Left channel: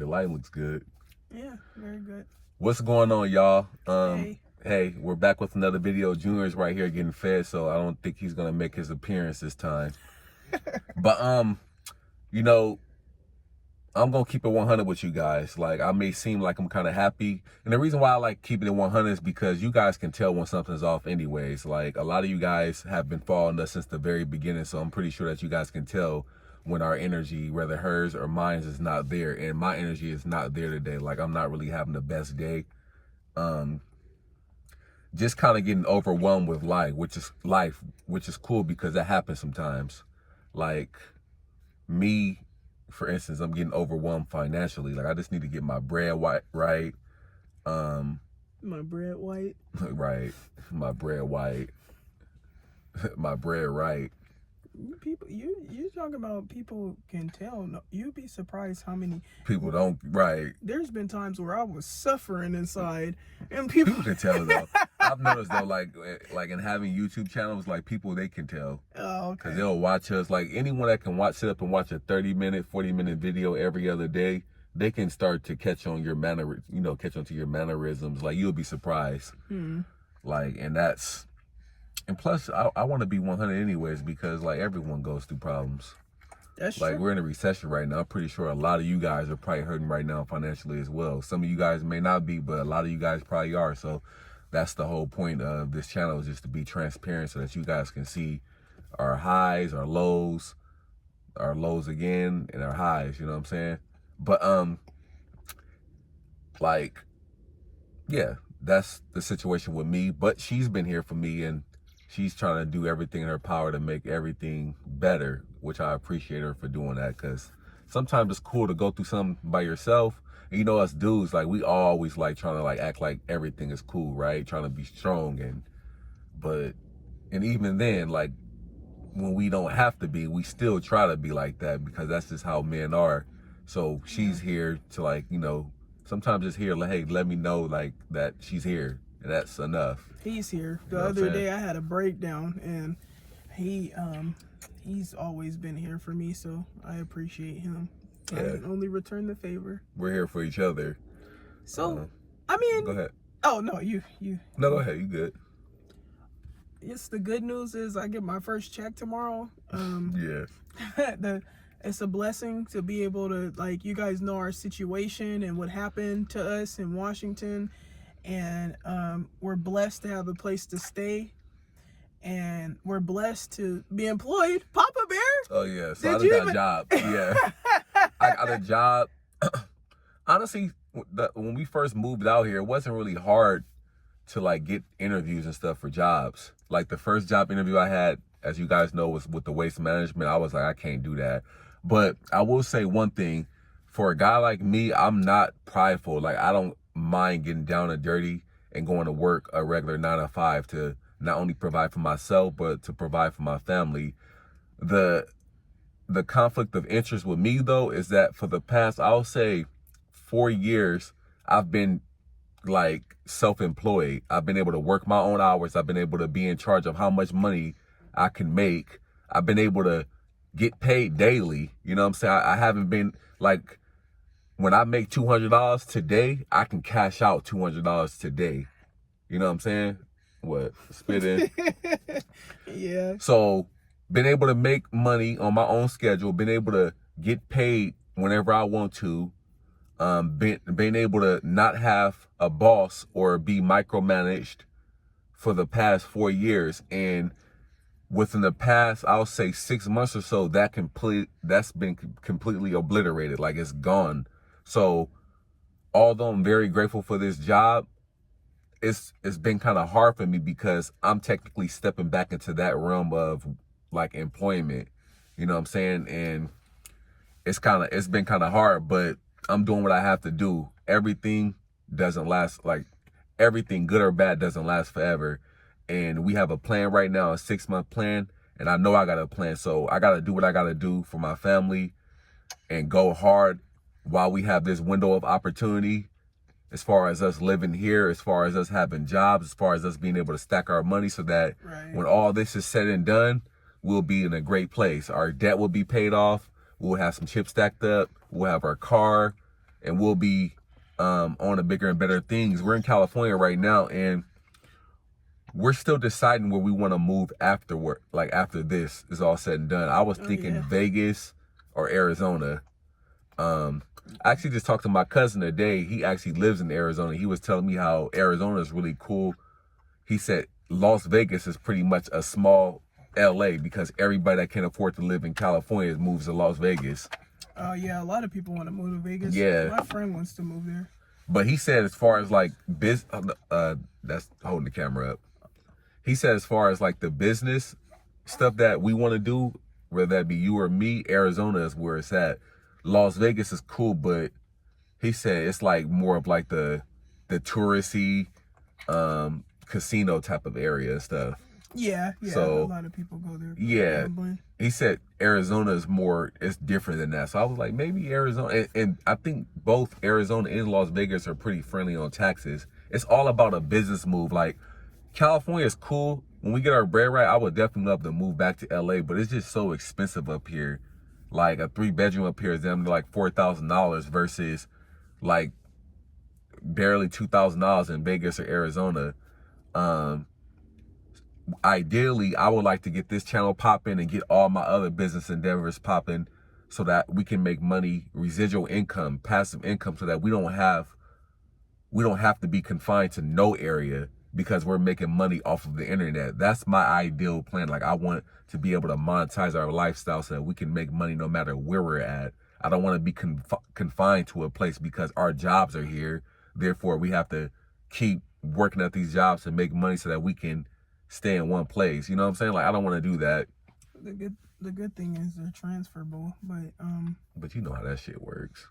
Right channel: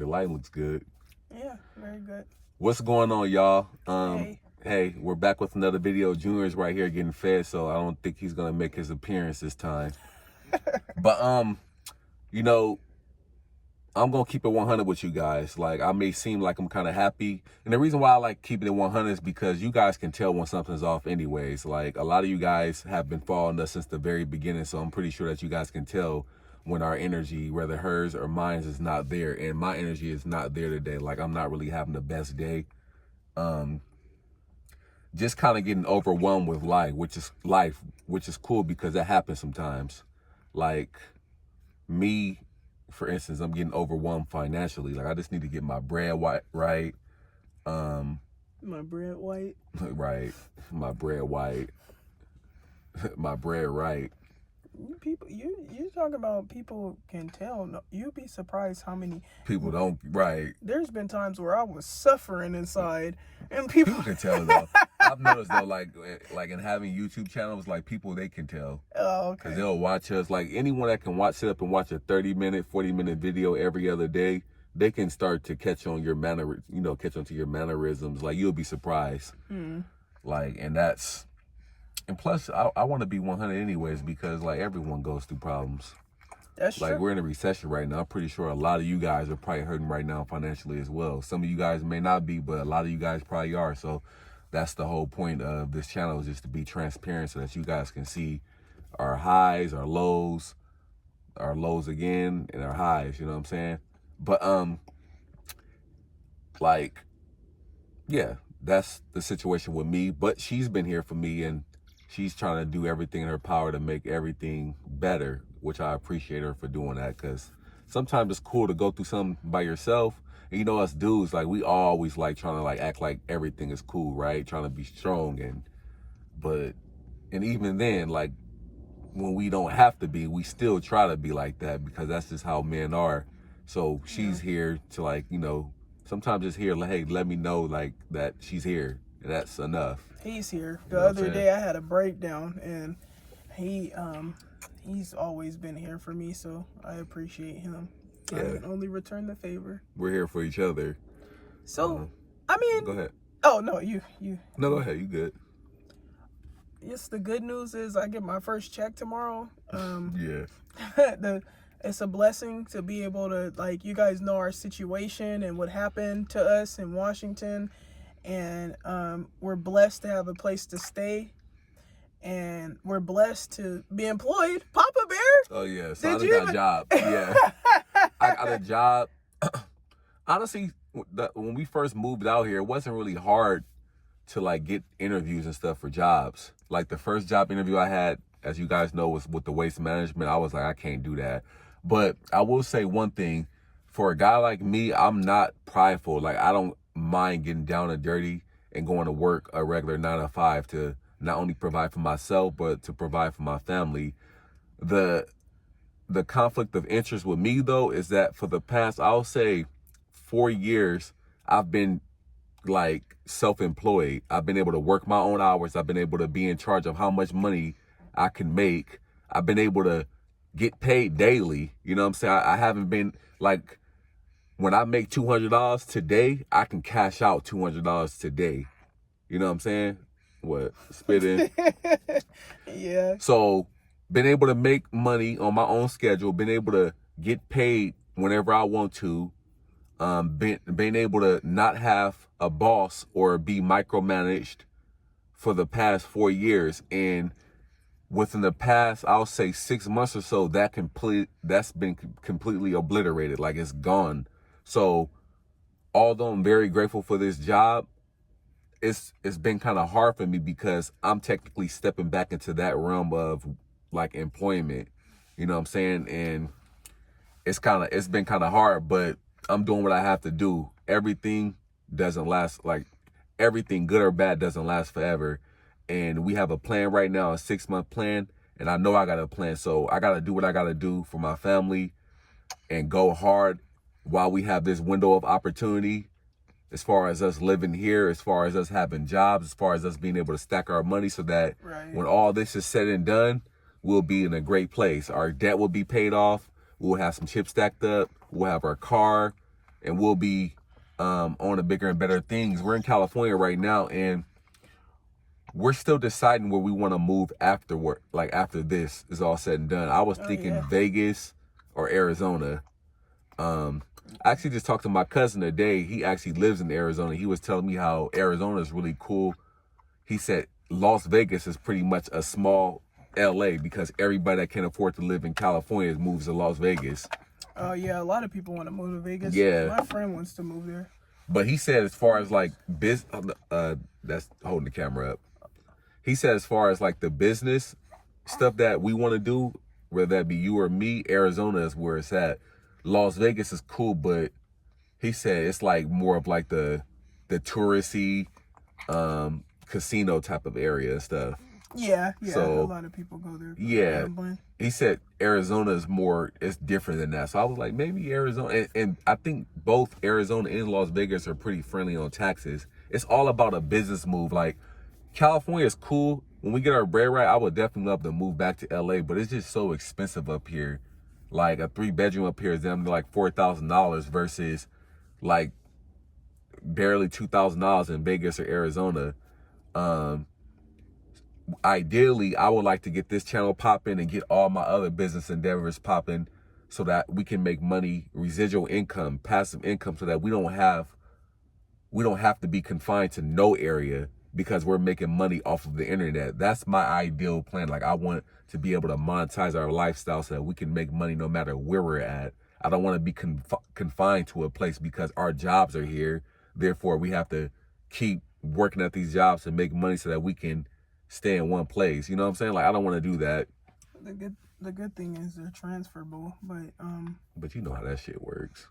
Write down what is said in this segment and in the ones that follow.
The lighting looks good. Yeah, very good. What's going on, y'all? Hey. Hey, we're back with another video. Junior's right here getting fed, so I don't think he's gonna make his appearance this time. But you know, I'm gonna keep it 100 with you guys. Like, I may seem like I'm kind of happy, and the reason why I like keeping it 100 is because you guys can tell when something's off anyways. Like, a lot of you guys have been following us since the very beginning, so I'm pretty sure that you guys can tell when our energy, whether hers or mine, is not there. And my energy is not there today. Like, I'm not really having the best day. Just kind of getting overwhelmed with life, which is cool because that happens sometimes. Like me, for instance, I'm getting overwhelmed financially. Like, I just need to get my bread right. My bread white. Right. My bread white. My bread right. People, you talking about people can tell. No, you'd be surprised how many People don't, right. There's been times where I was suffering inside, and people can tell though. I've noticed though, like in having YouTube channels, like people, they can tell. Oh, okay. Because they'll watch us. Like, anyone that can sit up and watch a 30-minute, 40-minute video every other day, they can start to catch on your catch on to your mannerisms. Like, you'll be surprised. Like, and plus, I want to be 100 anyways, because like everyone goes through problems. That's like true. We're in a recession right now. I'm pretty sure a lot of you guys are probably hurting right now financially as well. Some of you guys may not be, but a lot of you guys probably are. So that's the whole point of this channel, is just to be transparent so that you guys can see our highs, our lows again, and our highs, you know what I'm saying? But like, yeah, that's the situation with me. But she's been here for me, and she's trying to do everything in her power to make everything better, which I appreciate her for doing that, because sometimes it's cool to go through something by yourself. And you know, us dudes, like, we always like trying to like act like everything is cool, right? Trying to be strong, and even then, like, when we don't have to be, we still try to be like that, because that's just how men are. So she's here to, like, sometimes it's here, like, hey, let me know like that she's here, and that's enough. He's here. The other day I had a breakdown, and he's always been here for me, so I appreciate him. Yeah. I can only return the favor. We're here for each other. So, I mean, go ahead. Oh no, you. No, go ahead. You good? It's the good news is I get my first check tomorrow. Yeah. It's a blessing to be able to, like, you guys know our situation and what happened to us in Washington. And we're blessed to have a place to stay, and we're blessed to be employed. Papa Bear. Oh yeah, so I just got a job. Yeah, I got a job. Honestly, when we first moved out here, it wasn't really hard to like get interviews and stuff for jobs. Like, the first job interview I had, as you guys know, was with the waste management. I was like, I can't do that. But I will say one thing: for a guy like me, I'm not prideful. Like, I don't mind getting down and dirty and going to work a regular 9 to 5 to not only provide for myself, but to provide for my family. The conflict of interest with me, though, is that for the past, I'll say, 4 years, I've been like self-employed. I've been able to work my own hours. I've been able to be in charge of how much money I can make. I've been able to get paid daily. You know what I'm saying? I haven't been like, when I make $200 today, I can cash out $200 today. You know what I'm saying? What? Spitting. Yeah. So, been able to make money on my own schedule, been able to get paid whenever I want to, been able to not have a boss or be micromanaged for the past 4 years. And within the past, I'll say 6 months or so, that's been completely obliterated. Like, it's gone. So, although I'm very grateful for this job, it's been kind of hard for me, because I'm technically stepping back into that realm of like employment. You know what I'm saying? And it's been kind of hard, but I'm doing what I have to do. Everything doesn't last, like, everything good or bad doesn't last forever. And we have a plan right now, a 6-month plan, and I know I got a plan. So I got to do what I got to do for my family and go hard while we have this window of opportunity, as far as us living here, as far as us having jobs, as far as us being able to stack our money, so that when all this is said and done, we'll be in a great place. Our debt will be paid off. We'll have some chips stacked up. We'll have our car. and we'll be on to bigger and better things. We're in California right now, and we're still deciding where we want to move afterward. Like after this is all said and done, I was thinking Vegas or Arizona. I actually just talked to my cousin today. He actually lives in Arizona. He was telling me how Arizona is really cool. He said Las Vegas is pretty much a small LA because everybody that can afford to live in California moves to Las Vegas. Oh yeah, a lot of people want to move to Vegas. Yeah, my friend wants to move there. But he said as far as like that's holding the camera up. He said as far as like the business stuff that we want to do, whether that be you or me, Arizona is where it's at. Las Vegas is cool, but he said it's like more of like the touristy casino type of area and stuff. Yeah, so, a lot of people go there. Yeah, he said Arizona is more, it's different than that. So I was like, maybe Arizona, and I think both Arizona and Las Vegas are pretty friendly on taxes. It's all about a business move. Like California is cool. When we get our bread right, I would definitely love to move back to LA, but it's just so expensive up here. Like a 3-bedroom up here is them like $4,000 versus like barely $2,000 in Vegas or Arizona. Ideally, I would like to get this channel popping and get all my other business endeavors popping so that we can make money, residual income, passive income, so that we don't have to be confined to no area because we're making money off of the internet. That's my ideal plan. Like I want to be able to monetize our lifestyle so that we can make money no matter where we're at. I don't want to be confined to a place because our jobs are here. Therefore, we have to keep working at these jobs to make money so that we can stay in one place. You know what I'm saying? Like I don't want to do that. The good thing is they're transferable, but you know how that shit works.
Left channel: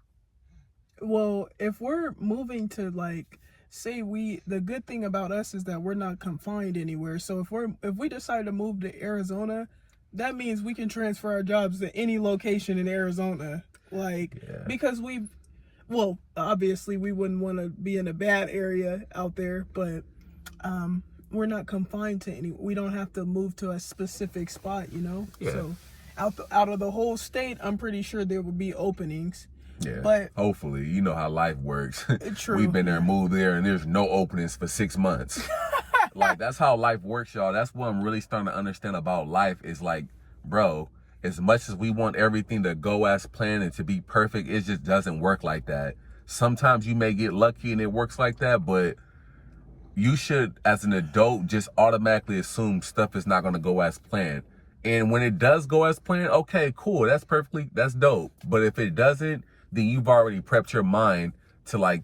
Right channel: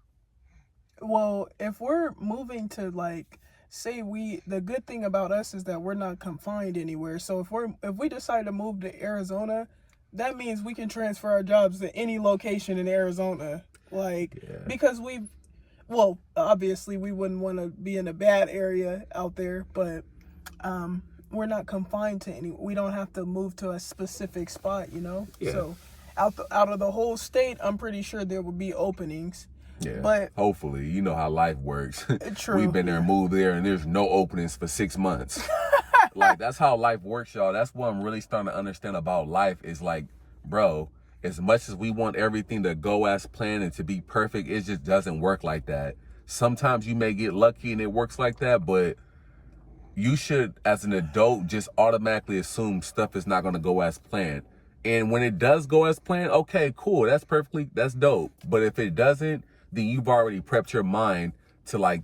Well, if we're moving to like say the good thing about us is that we're not confined anywhere. So if we decide to move to Arizona, that means we can transfer our jobs to any location in Arizona. Because obviously we wouldn't want to be in a bad area out there, but we're not confined to any. We don't have to move to a specific spot, you know. Yeah. So out of the whole state, I'm pretty sure there will be openings. Yeah. But hopefully, you know how life works. True. We've been there, moved there, and there's no openings for 6 months. Like that's how life works, y'all. That's what I'm really starting to understand about life. Is like, bro, as much as we want everything to go as planned and to be perfect, it just doesn't work like that. Sometimes you may get lucky and it works like that, but you should, as an adult, just automatically assume stuff is not going to go as planned. And when it does go as planned, okay, cool. That's dope. But if it doesn't, then you've already prepped your mind to like,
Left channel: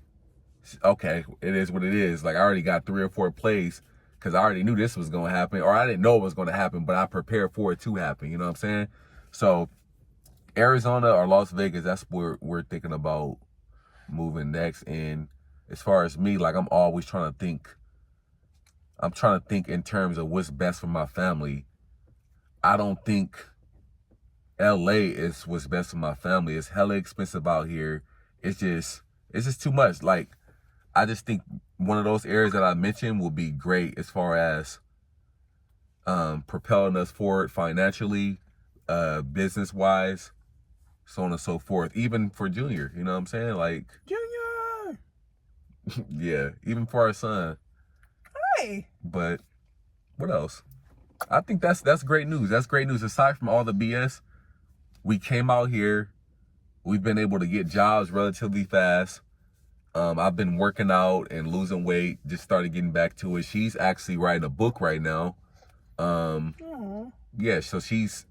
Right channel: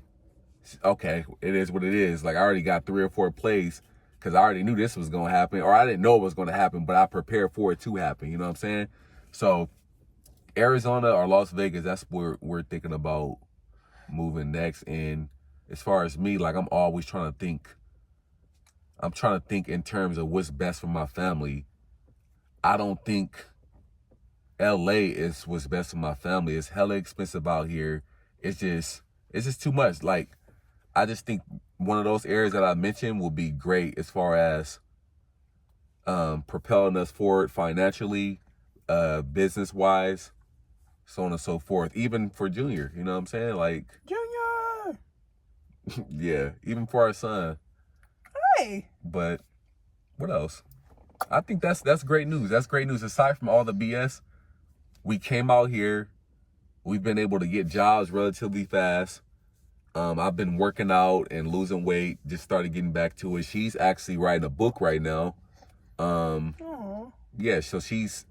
okay, it is what it is. Like I already got 3 or 4 plays because I already knew this was going to happen, or I didn't know it was going to happen, but I prepared for it to happen. You know what I'm saying? So Arizona or Las Vegas, that's where we're thinking about moving next. And as far as me, like I'm always trying to think in terms of what's best for my family. I don't think LA is what's best for my family. It's hella expensive out here. It's just too much. Like I just think one of those areas that I mentioned will be great as far as propelling us forward financially, business wise, so on and so forth. Even for Junior, you know what I'm saying? Like Junior. Yeah, even for our son. Hey. But what else? I think that's great news. That's great news. Aside from all the BS, we came out here. We've been able to get jobs relatively fast. I've been working out and losing weight. Just started getting back to it. She's actually writing a book right now. Yeah, so she's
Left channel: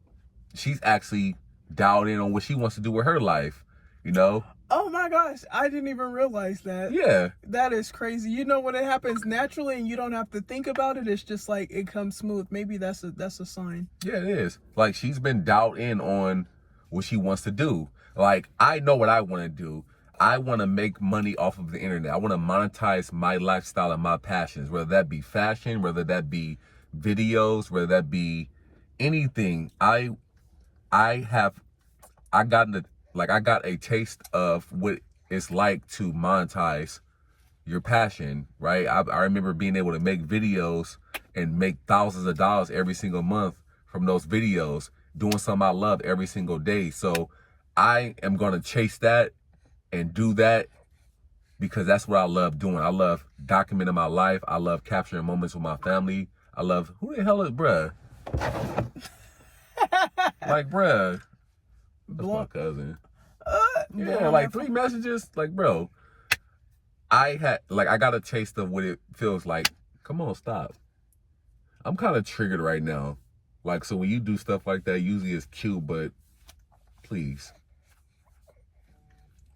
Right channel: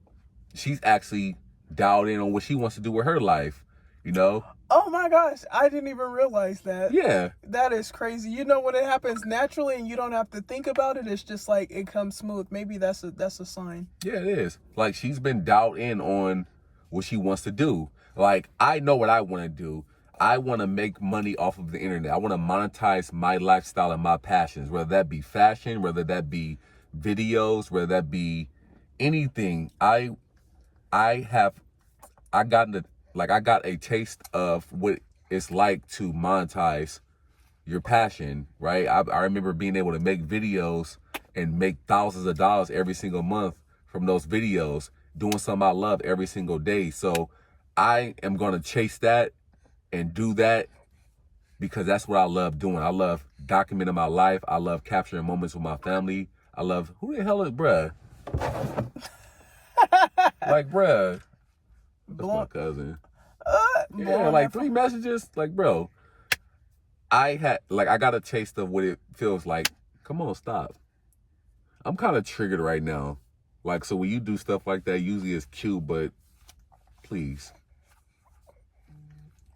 actually dialed in on what she wants to do with her life, you know? Oh my gosh, I didn't even realize that. Yeah. That is crazy. You know, when it happens naturally and you don't have to think about it, it's just like it comes smooth. Maybe that's a sign. Yeah, it is. Like she's been dialed in on what she wants to do. Like I know what I want to do. I want to make money off of the internet. I want to monetize my lifestyle and my passions, whether that be fashion, whether that be videos, whether that be anything. I got a taste of what it's like to monetize your passion, right? I remember being able to make videos and make thousands of dollars every single month from those videos, doing something I love every single day. So I am going to chase that and do that because that's what I love doing. I love documenting my life. I love capturing moments with my family. I love, who the hell is bruh? Like, bruh, that's my cousin. Yeah, like 3 messages. Like, bro, I got a taste of what it feels like. Come on, stop. I'm kind of triggered right now. Like, so when you do stuff like that, usually it's cute, but please.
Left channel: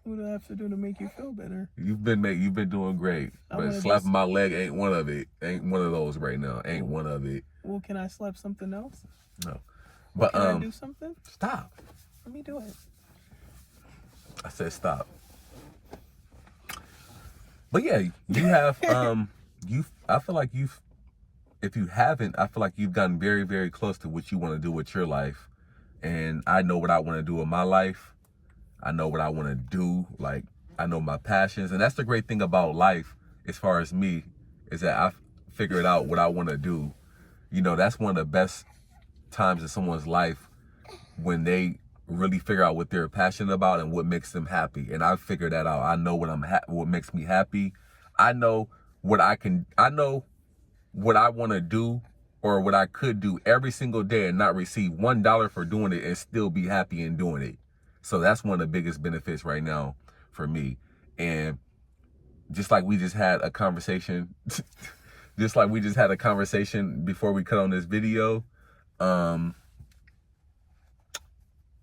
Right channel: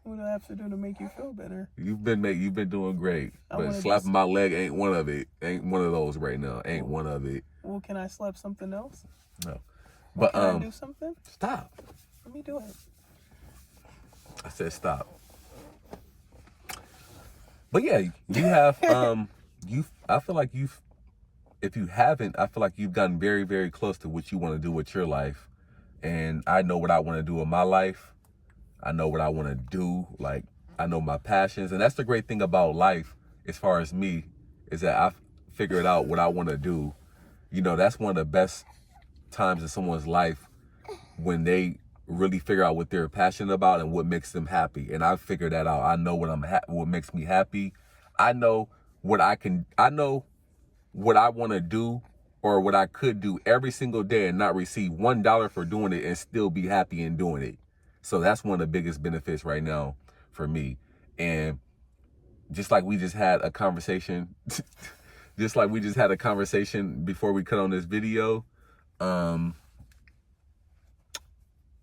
What do I have to do to make you feel better? You've been doing great, but slapping my leg ain't one of it. Ain't one of those right now. Ain't one of it. Well, can I slap something else? No. But can I do something? Stop. Let me do it. I said stop. But yeah, you have I feel like if you haven't, I feel like you've gotten very, very close to what you want to do with your life. And I know what I want to do in my life. I know what I want to do. Like, I know my passions. And that's the great thing about life, as far as me, is that I figured out what I want to do. You know, that's one of the best times in someone's life, when they really figure out what they're passionate about and what makes them happy. And I figured that out. I know what makes me happy. I know what I want to do, or what I could do every single day and not receive $1 for doing it and still be happy in doing it. So that's one of the biggest benefits right now for me. And just like we just had a conversation, before we cut on this video,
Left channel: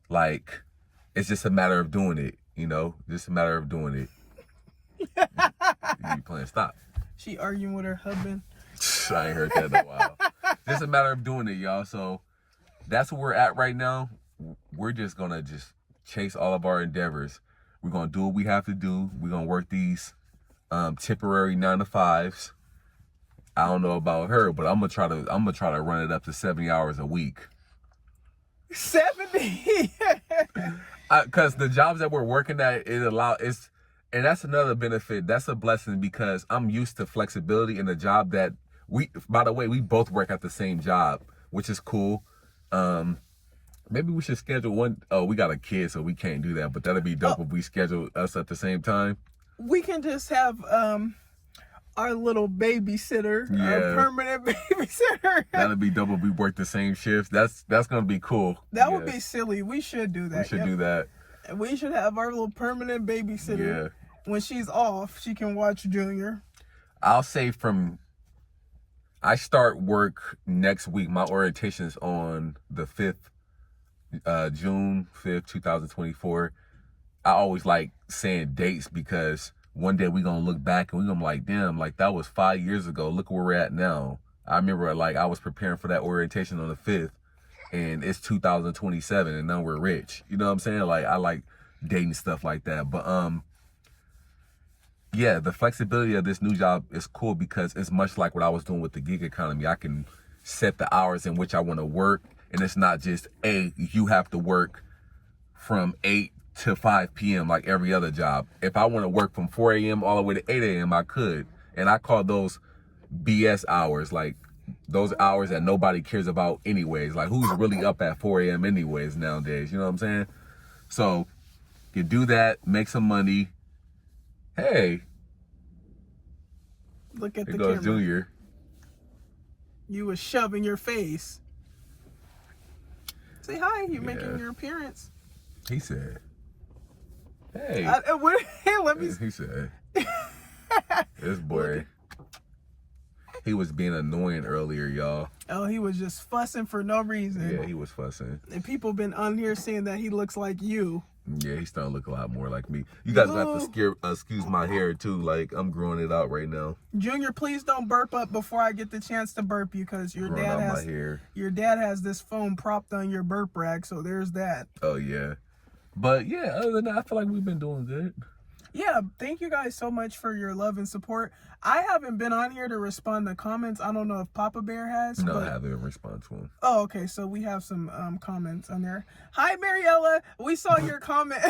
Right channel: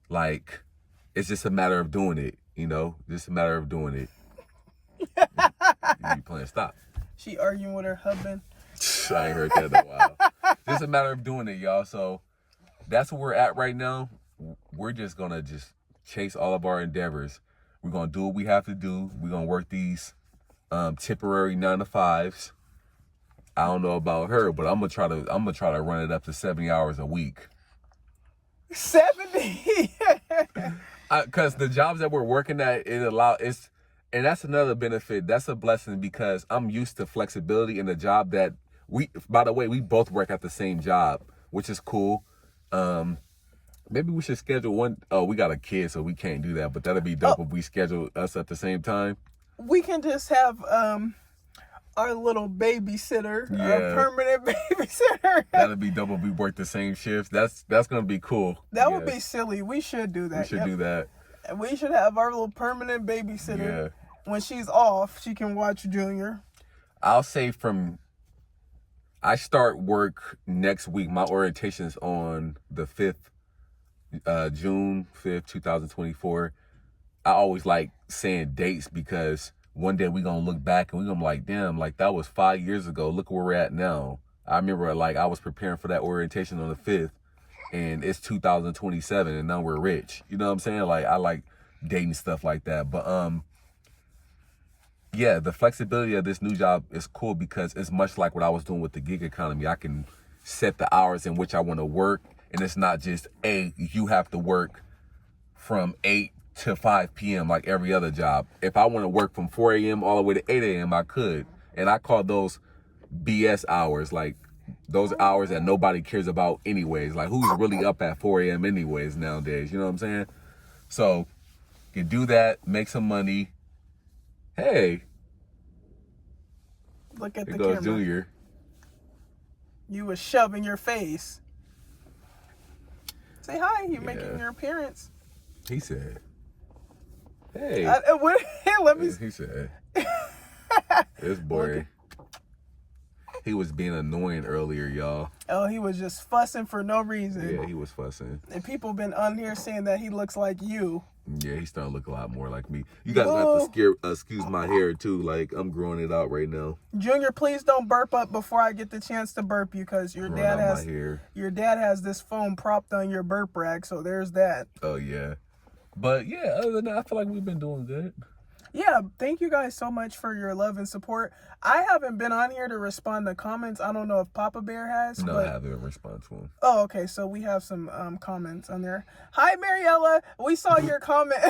like, it's just a matter of doing it, you know, just a matter of doing it. You playing stop. She arguing with her husband. I ain't heard that in a while. Just a matter of doing it, y'all. So that's where we're at right now. We're just gonna chase all of our endeavors. We're gonna do what we have to do. We're gonna work these temporary 9-to-5s. I don't know about her, but I'm gonna try to run it up to 70 hours a week. 70. Because the jobs that we're working at, and that's another benefit. That's a blessing, because I'm used to flexibility in a job that by the way, we both work at the same job, which is cool. Maybe we should schedule one. Oh, we got a kid, so we can't do that, but that'd be dope if we schedule us at the same time. We can just have our little babysitter, our permanent babysitter. That'd be dope if we work the same shifts. That's gonna be cool. That would be silly. We should do that. We should do that. And we should have our little permanent babysitter. Yeah. When she's off, she can watch Junior. I'll say I start work next week. My orientation's on the 5th, June 5th, 2024. I always like saying dates, because one day we're going to look back and we're going to be like, damn, like that was 5 years ago. Look where we're at now. I remember like I was preparing for that orientation on the 5th, and it's 2027 and now we're rich. You know what I'm saying? Like, I like dating stuff like that. But yeah, the flexibility of this new job is cool, because it's much like what I was doing with the gig economy. I can set the hours in which I want to work, and it's not just, hey, you have to work from 8 to 5 p.m. like every other job. If I want to work from 4 a.m. all the way to 8 a.m., I could. And I call those BS hours, like those hours that nobody cares about anyways. Like, who's really up at 4 a.m. anyways nowadays? You know what I'm saying? So you do that, make some money. Hey, look at there the goes camera. Junior. You was shoving your face. Say hi. You making your appearance. He said, hey. Let me. He said, this boy, he was being annoying earlier, y'all. Oh, he was just fussing for no reason. Yeah, he was fussing. And people been on here saying that he looks like you. Yeah, he's starting to look a lot more like me. You guys have to excuse my hair too. Like, I'm growing it out right now. Junior, please don't burp up before I get the chance to burp you, because your dad has this phone propped on your burp rack. So there's that. Oh yeah, but yeah, other than that, I feel like we've been doing good. Yeah, thank you guys so much for your love and support. I haven't been on here to respond to comments. I don't know if Papa Bear has. No, I haven't responded to him. Oh, okay. So we have some comments on there. Hi, Mariella. We saw your comment.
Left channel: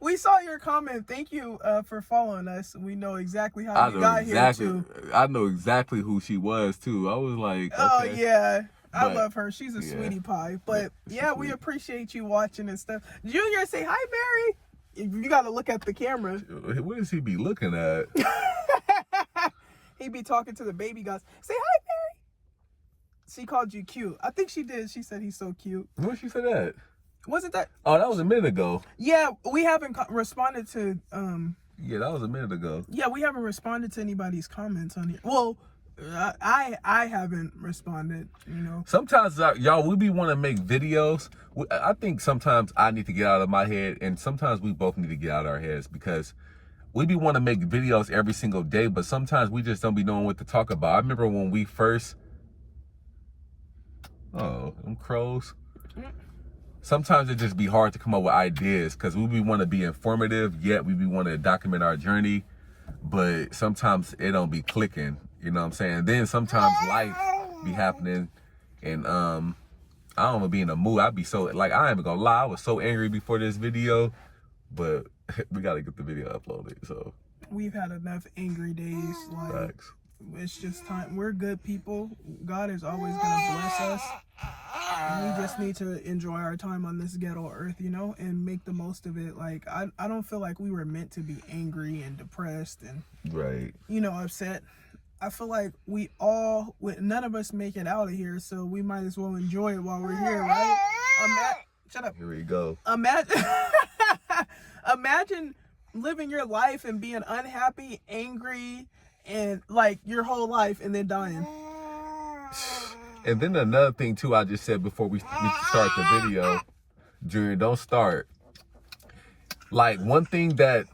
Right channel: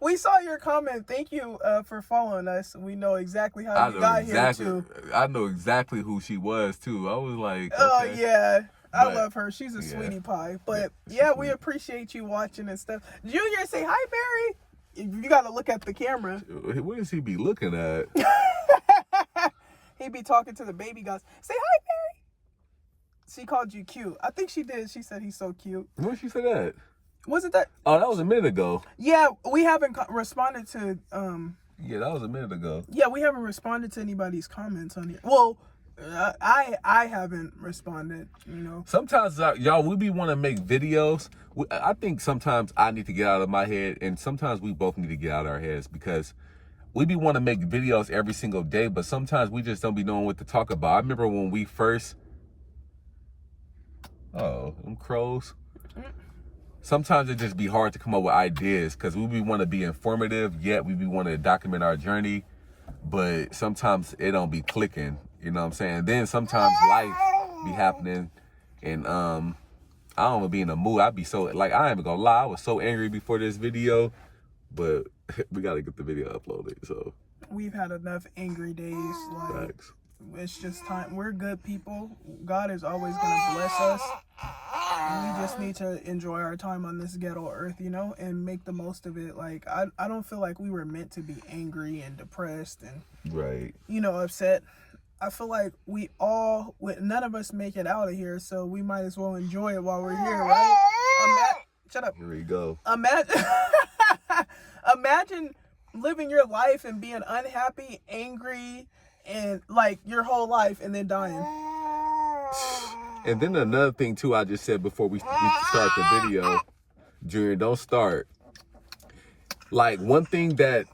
We saw your comment. Thank you for following us. We know exactly how you got here, too. I know exactly who she was, too. I was like, okay. Oh, yeah. I love her. She's a sweetie pie. But, yeah, we appreciate you watching and stuff. Junior, say hi, Mary. You got to look at the camera. What does he be looking at? He be talking to the baby guys. Say hi, Mary. She called you cute. I think she did. She said he's so cute. When did she say that? Wasn't that? Oh, that was a minute ago. Yeah, we haven't responded to. Yeah, that was a minute ago. Yeah, we haven't responded to anybody's comments on it. Well, I haven't responded. You know. Sometimes y'all, we be want to make videos. I think sometimes I need to get out of my head, and sometimes we both need to get out of our heads, because we be want to make videos every single day, but sometimes we just don't be knowing what to talk about. I remember when we first. Oh, them crows. Sometimes it just be hard to come up with ideas, because we want to be informative, yet we want to document our journey, but sometimes it don't be clicking, you know what I'm saying? Then sometimes life be happening, and I don't be in a mood. I be so, like, I ain't even gonna lie, I was so angry before this video, but we gotta get the video uploaded, so. We've had enough angry days. Like, Facts. it's just time. We're good people. God is always gonna bless us. And we just need to enjoy our time on this ghetto earth, you know, and make the most of it. Like, I don't feel like we were meant to be angry and depressed and, Right. you know, upset. I feel like none of us make it out of here, so we might as well enjoy it while we're here, right? Shut up. Here we go. Imagine living your life and being unhappy, angry, and like your whole life, and then dying. And then another thing too, I just said before we start the video, Junior, don't start. Like, one thing that,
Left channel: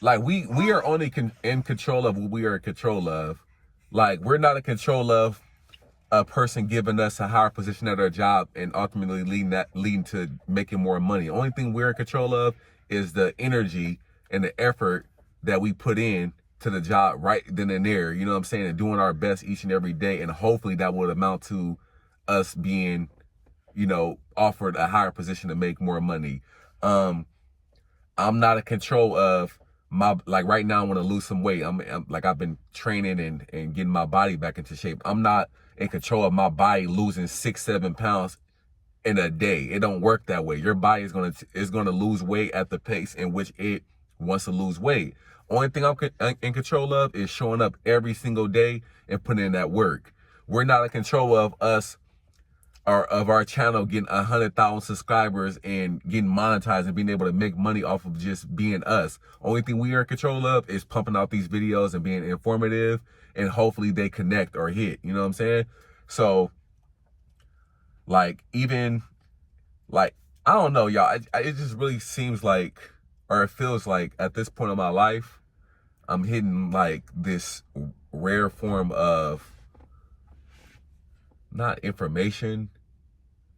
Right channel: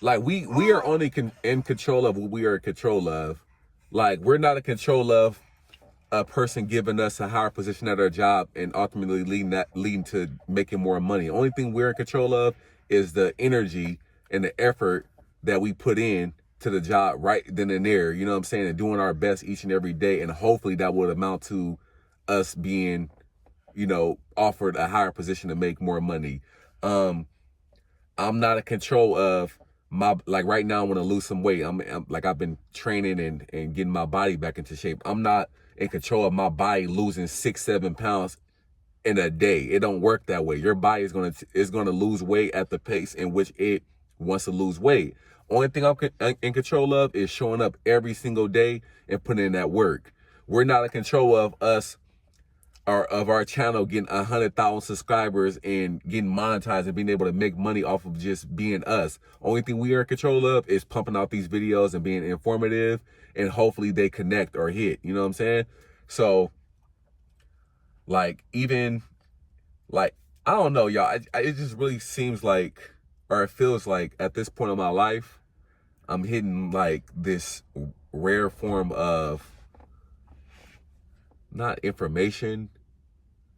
like, we are only in control of what we are in control of. Like, we're not in control of a person giving us a higher position at our job and ultimately leading to making more money. The only thing we're in control of is the energy and the effort that we put in to the job right then and there, you know what I'm saying, and doing our best each and every day, and hopefully that would amount to us being, you know, offered a higher position to make more money. I'm not in control of my, like, right now I want to lose some weight. I'm like, I've been training and getting my body back into shape. I'm not in control of my body losing 6-7 pounds in a day. It don't work that way. Your body is gonna lose weight at the pace in which it wants to lose weight. Only thing I'm in control of is showing up every single day and putting in that work. We're not in control of our channel getting 100,000 subscribers and getting monetized and being able to make money off of just being us. Only thing we are in control of is pumping out these videos and being informative, and hopefully they connect or hit, you know what I'm saying? So, like, even, like, I don't know, y'all, it just really seems like, or it feels like at this point in my life, I'm hitting like this rare form of, not information,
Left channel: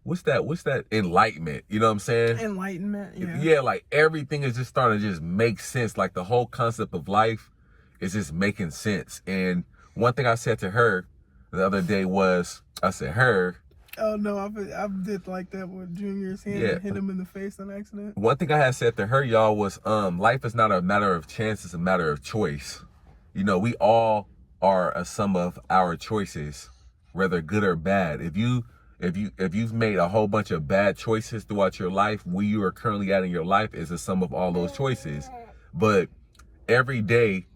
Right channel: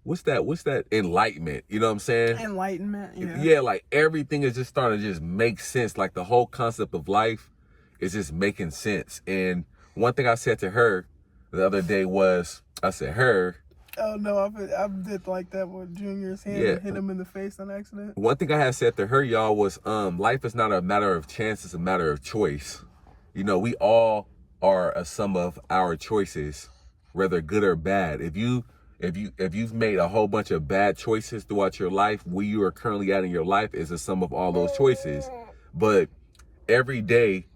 what's that enlightenment, you know what I'm saying? Enlightenment. Yeah, like everything is just starting to just make sense. Like, the whole concept of life is just making sense. And one thing I said to her the other day was, I said, oh no, I did like that with Junior's hand and hit him in the face on accident. One thing I had said to her, y'all, was life is not a matter of chance, it's a matter of choice. You know, we all are a sum of our choices, whether good or bad. If you've made a whole bunch of bad choices throughout your life, where you are currently at in your life is a sum of all those choices. But every day,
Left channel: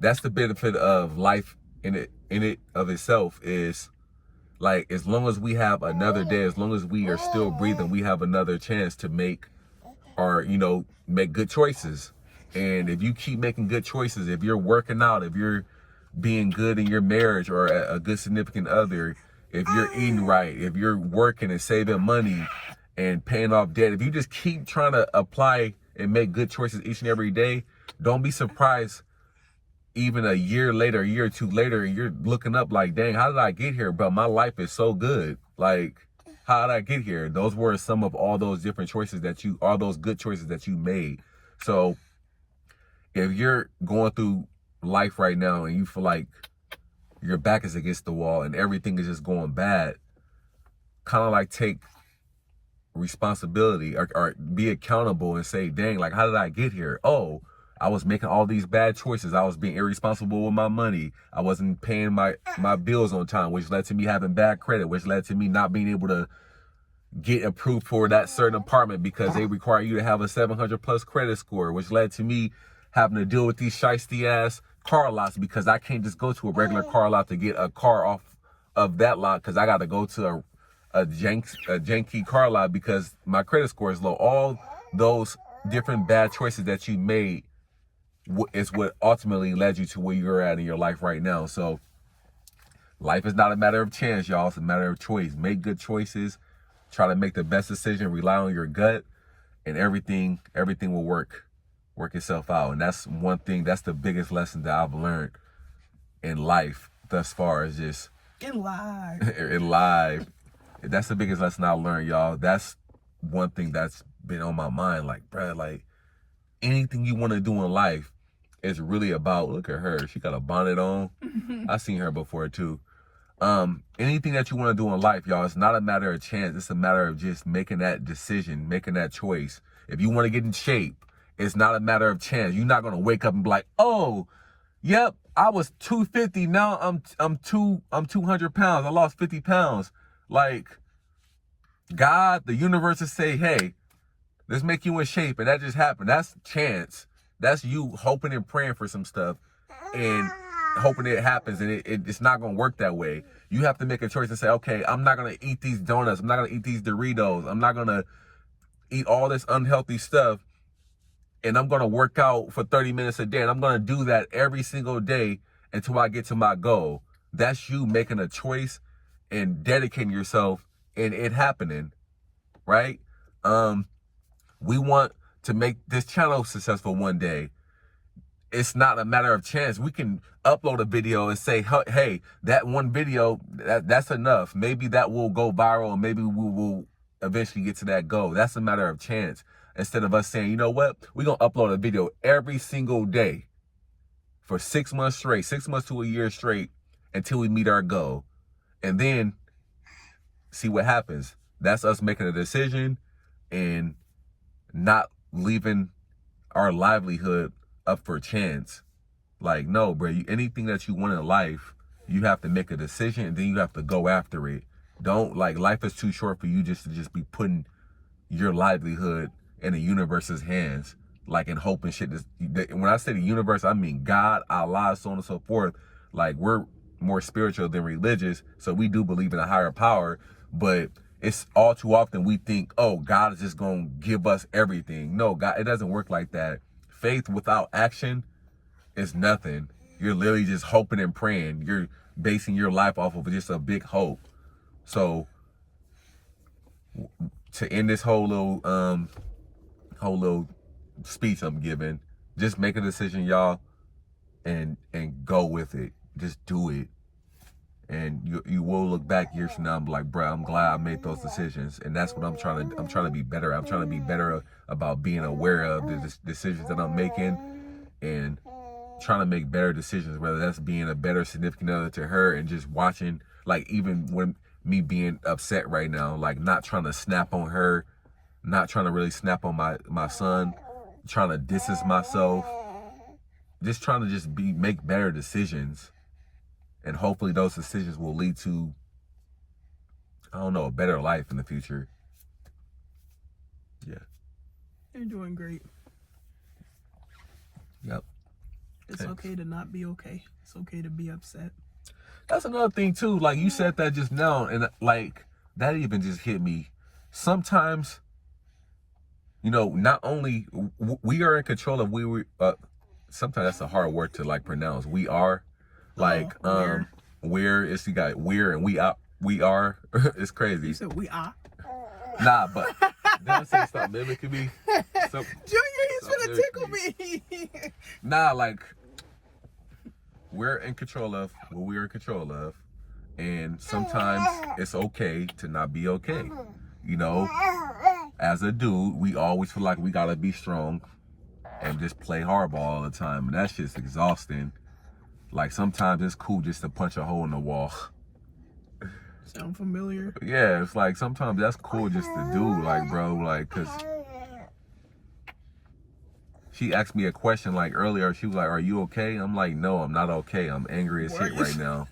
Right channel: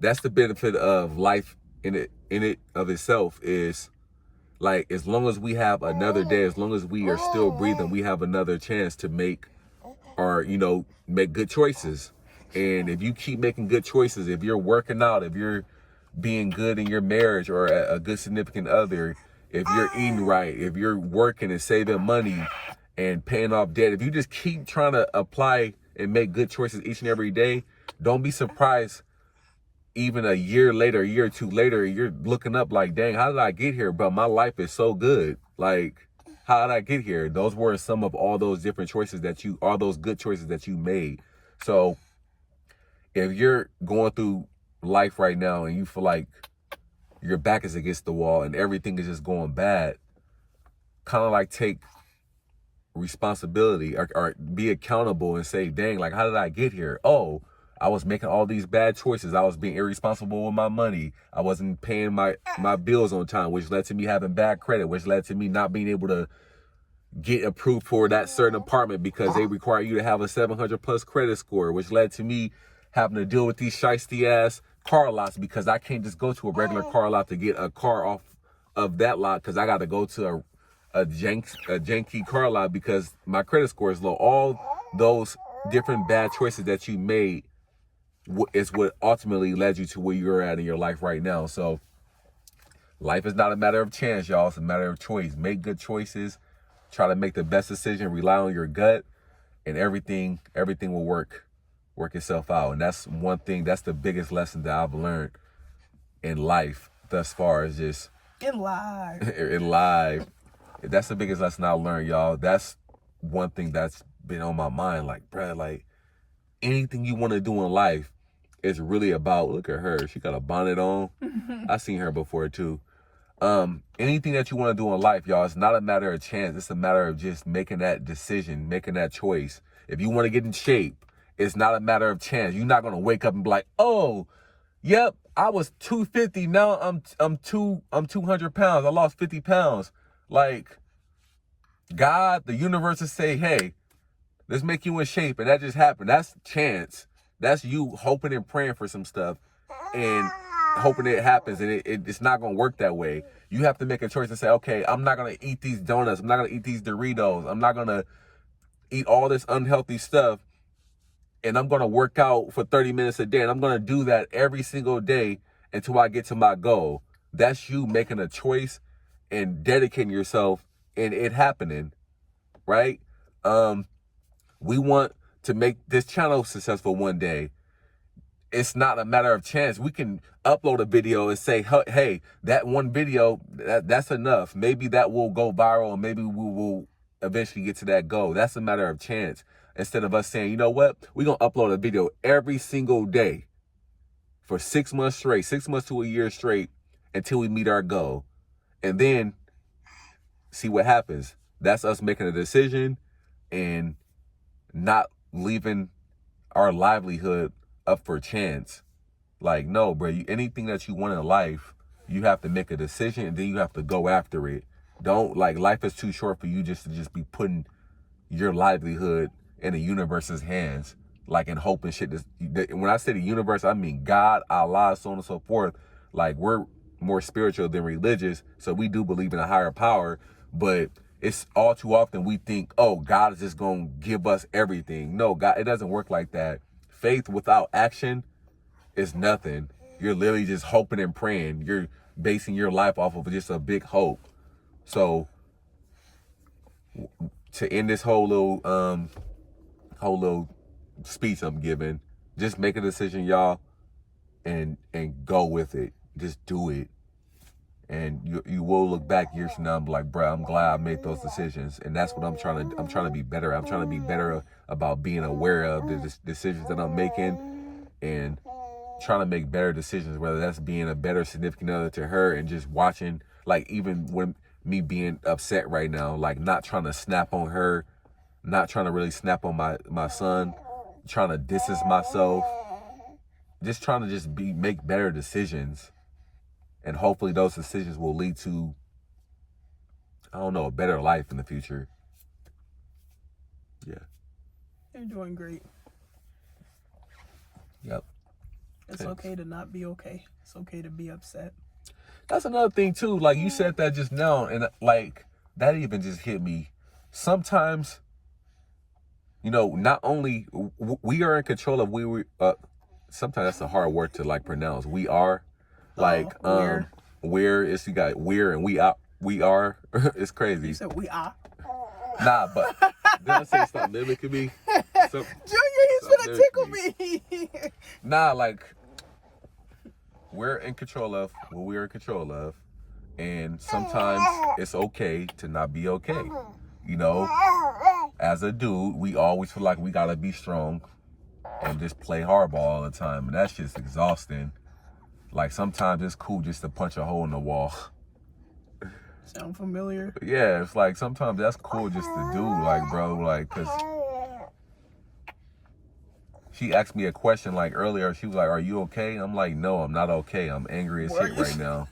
that's the benefit of life in it of itself, is like, as long as we have another day, as long as we are still breathing, we have another chance to make good choices. And if you keep making good choices, if you're working out, if you're being good in your marriage or a good significant other, if you're eating right, if you're working and saving money and paying off debt, if you just keep trying to apply and make good choices each and every day, don't be surprised even a year later, a year or two later, you're looking up like, dang, how did I get here? But my life is so good. Like, how did I get here? Those were some of all those different choices all those good choices that you made. So if you're going through life right now and you feel like your back is against the wall and everything is just going bad, kind of like take responsibility or be accountable and say, dang, like, how did I get here? Oh, I was making all these bad choices. I was being irresponsible with my money. I wasn't paying my bills on time, which led to me having bad credit, which led to me not being able to get approved for that certain apartment because they require you to have a 700 plus credit score, which led to me having to deal with these shiesty ass car lots because I can't just go to a regular car lot to get a car off of that lot because I got to go to a janky car lot because my credit score is low. All those different bad choices that you made is what ultimately led you to where you're at in your life right now. So life is not a matter of chance, y'all. It's a matter of choice. Make good choices. Try to make the best decision. Rely on your gut, and everything will work itself out. And that's one thing. That's the biggest lesson that I've learned in life thus far. Is just In live. in life. That's the biggest lesson I learned, y'all. That's one thing that's been on my mind. Like, bruh, like anything you want to do in life is really about. Look at her. She got a bonnet on. I've seen her before too. Anything that you want to do in life, y'all, it's not a matter of chance. It's a matter of just making that decision, making that choice. If you want to get in shape, it's not a matter of chance. You're not going to wake up and be like, oh, yep, I was 250. Now I'm 200 pounds. I lost 50 pounds. Like, God, the universe is saying, hey, let's make you in shape. And that just happened. That's chance. That's you hoping and praying for some stuff and hoping it happens. And it's not going to work that way. You have to make a choice and say, okay, I'm not going to eat these donuts. I'm not going to eat these Doritos. I'm not going to eat all this unhealthy stuff. And I'm going to work out for 30 minutes a day. And I'm going to do that every single day until I get to my goal. That's you making a choice and dedicating yourself and it happening, right? We want to make this channel successful one day. It's not a matter of chance. We can upload a video and say, hey, that one video, that's enough. Maybe that will go viral and maybe we will eventually get to that goal. That's a matter of chance. Instead of us saying, you know what, we're going to upload a video every single day for 6 months straight, 6 months to a year straight until we meet our goal. And then see what happens. That's us making a decision and not leaving our livelihood up for chance. Like, no, bro, anything that you want in life, you have to make a decision and then you have to go after it. Don't, like, life is too short for you just to just be putting your livelihood in the universe's hands, like, in hope and shit. When I say the universe, I mean God, Allah, so on and so forth. Like, we're more spiritual than religious, so we do believe in a higher power, but it's all too often we think, oh, God is just going to give us everything. No, God, it doesn't work like that. Faith without action is nothing. You're literally just hoping and praying. You're basing your life off of just a big hope. So to end this whole little speech I'm giving, just make a decision, y'all, and go with it. Just do it. And you will look back years from now and be like, bro, I'm glad I made those decisions. And that's what I'm trying to be better. I'm trying to be better about being aware of the decisions that I'm making and trying to make better decisions, whether that's being a better significant other to her and just watching, like, even when me being upset right now, like, not trying to snap on her, not trying to really snap on my son, trying to distance myself, just trying to make better decisions. And hopefully those decisions will lead to, I don't know, a better life in the future. Yeah. You're doing great. Yep. It's okay to not be okay. It's okay to be upset. That's another thing too. Like, you said that just now, and like that even just hit me. Sometimes, you know, not only we are in control of sometimes that's a hard word to like pronounce. We are. Like, where is you got we're and we are. It's crazy. You said we are. Nah, but did I say something mimic me? Junior, he's gonna tickle me. Nah, like, we're in control of what we're in control of, and sometimes it's okay to not be okay. You know, as a dude, we always feel like we gotta be strong and just play hardball all the time, and that's just exhausting. Like, sometimes it's cool just to punch a hole in the wall. Sound familiar? Yeah, it's like sometimes that's cool just to do, like, bro, like, cause she asked me a question like earlier. She was like, "Are you okay?" I'm like, "No, I'm not okay. I'm angry as shit right now.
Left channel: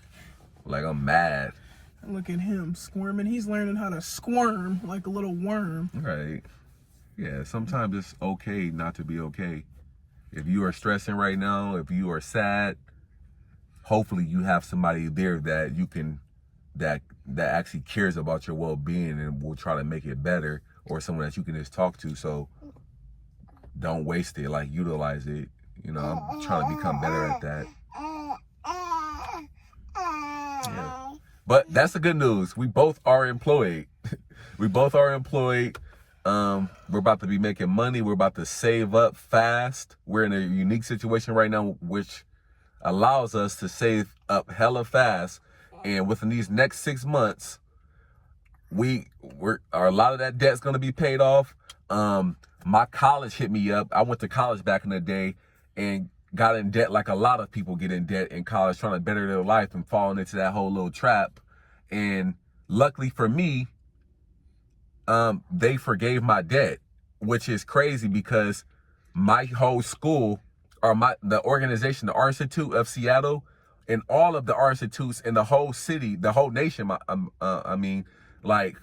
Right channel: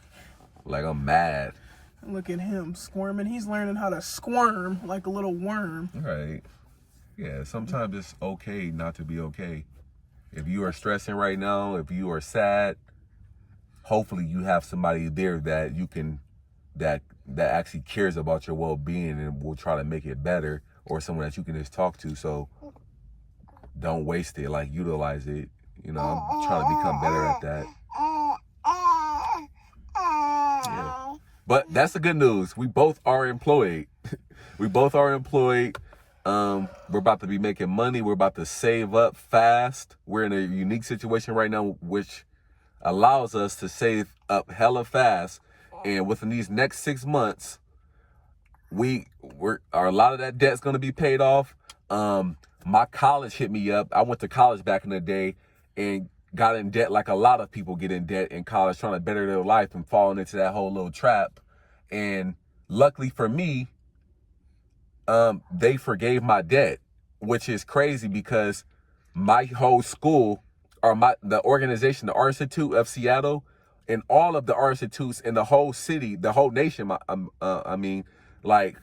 Like, I'm mad." Look at him squirming. He's learning how to squirm like a little worm. Right. Yeah, sometimes it's okay not to be okay. If you are stressing right now, if you are sad, hopefully you have somebody there that you can, that actually cares about your well-being and will try to make it better, or someone that you can just talk to. So don't waste it, like utilize it. You know, I'm trying to become better at that. Yeah. But that's the good news. We both are employed. We both are employed. We're about to be making money. We're about to save up fast. We're in a unique situation right now, which allows us to save up hella fast. And within these next 6 months, a lot of that debt's gonna be paid off. My college hit me up. I went to college back in the day and got in debt like a lot of people get in debt in college, trying to better their life and falling into that whole little trap. And luckily for me, they forgave my debt, which is crazy because my whole school, or the organization, the Art Institute of Seattle, and all of the art institutes in the whole city, the whole nation, like,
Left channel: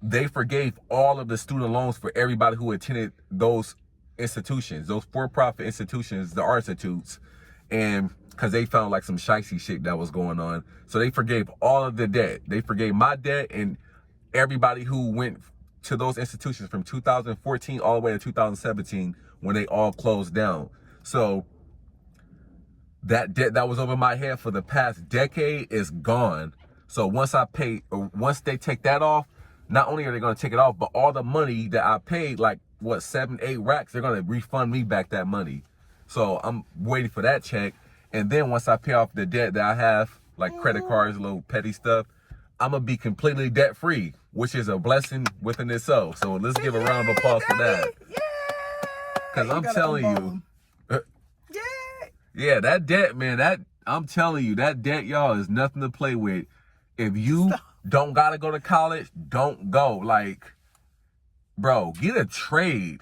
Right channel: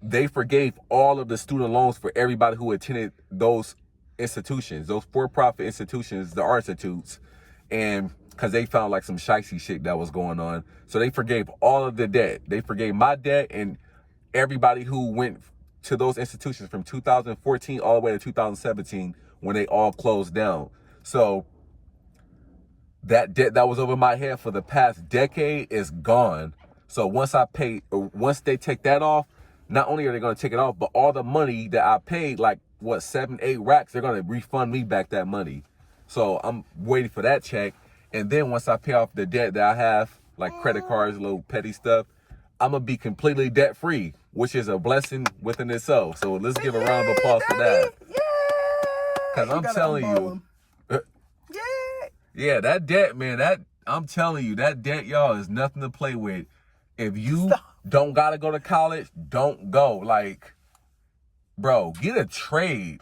they forgave all of the student loans for everybody who attended those institutions, those for-profit institutions, the art institutes, and because they found like some shicey shit that was going on. So they forgave all of the debt. They forgave my debt and everybody who went to those institutions from 2014 all the way to 2017 when they all closed down. So that debt that was over my head for the past decade is gone. So once they take that off, not only are they going to take it off, but all the money that I paid, like what, 7-8 racks, they're going to refund me back that money. So I'm waiting for that check. And then once I pay off the debt that I have, like credit cards, little petty stuff, I'm going to be completely debt free, which is a blessing within itself. So let's give a round of applause for that. Because I'm telling you, yeah, that debt, man, I'm telling you, that debt, y'all, is nothing to play with. If you don't got to go to college, don't go. Like, bro, get a trade.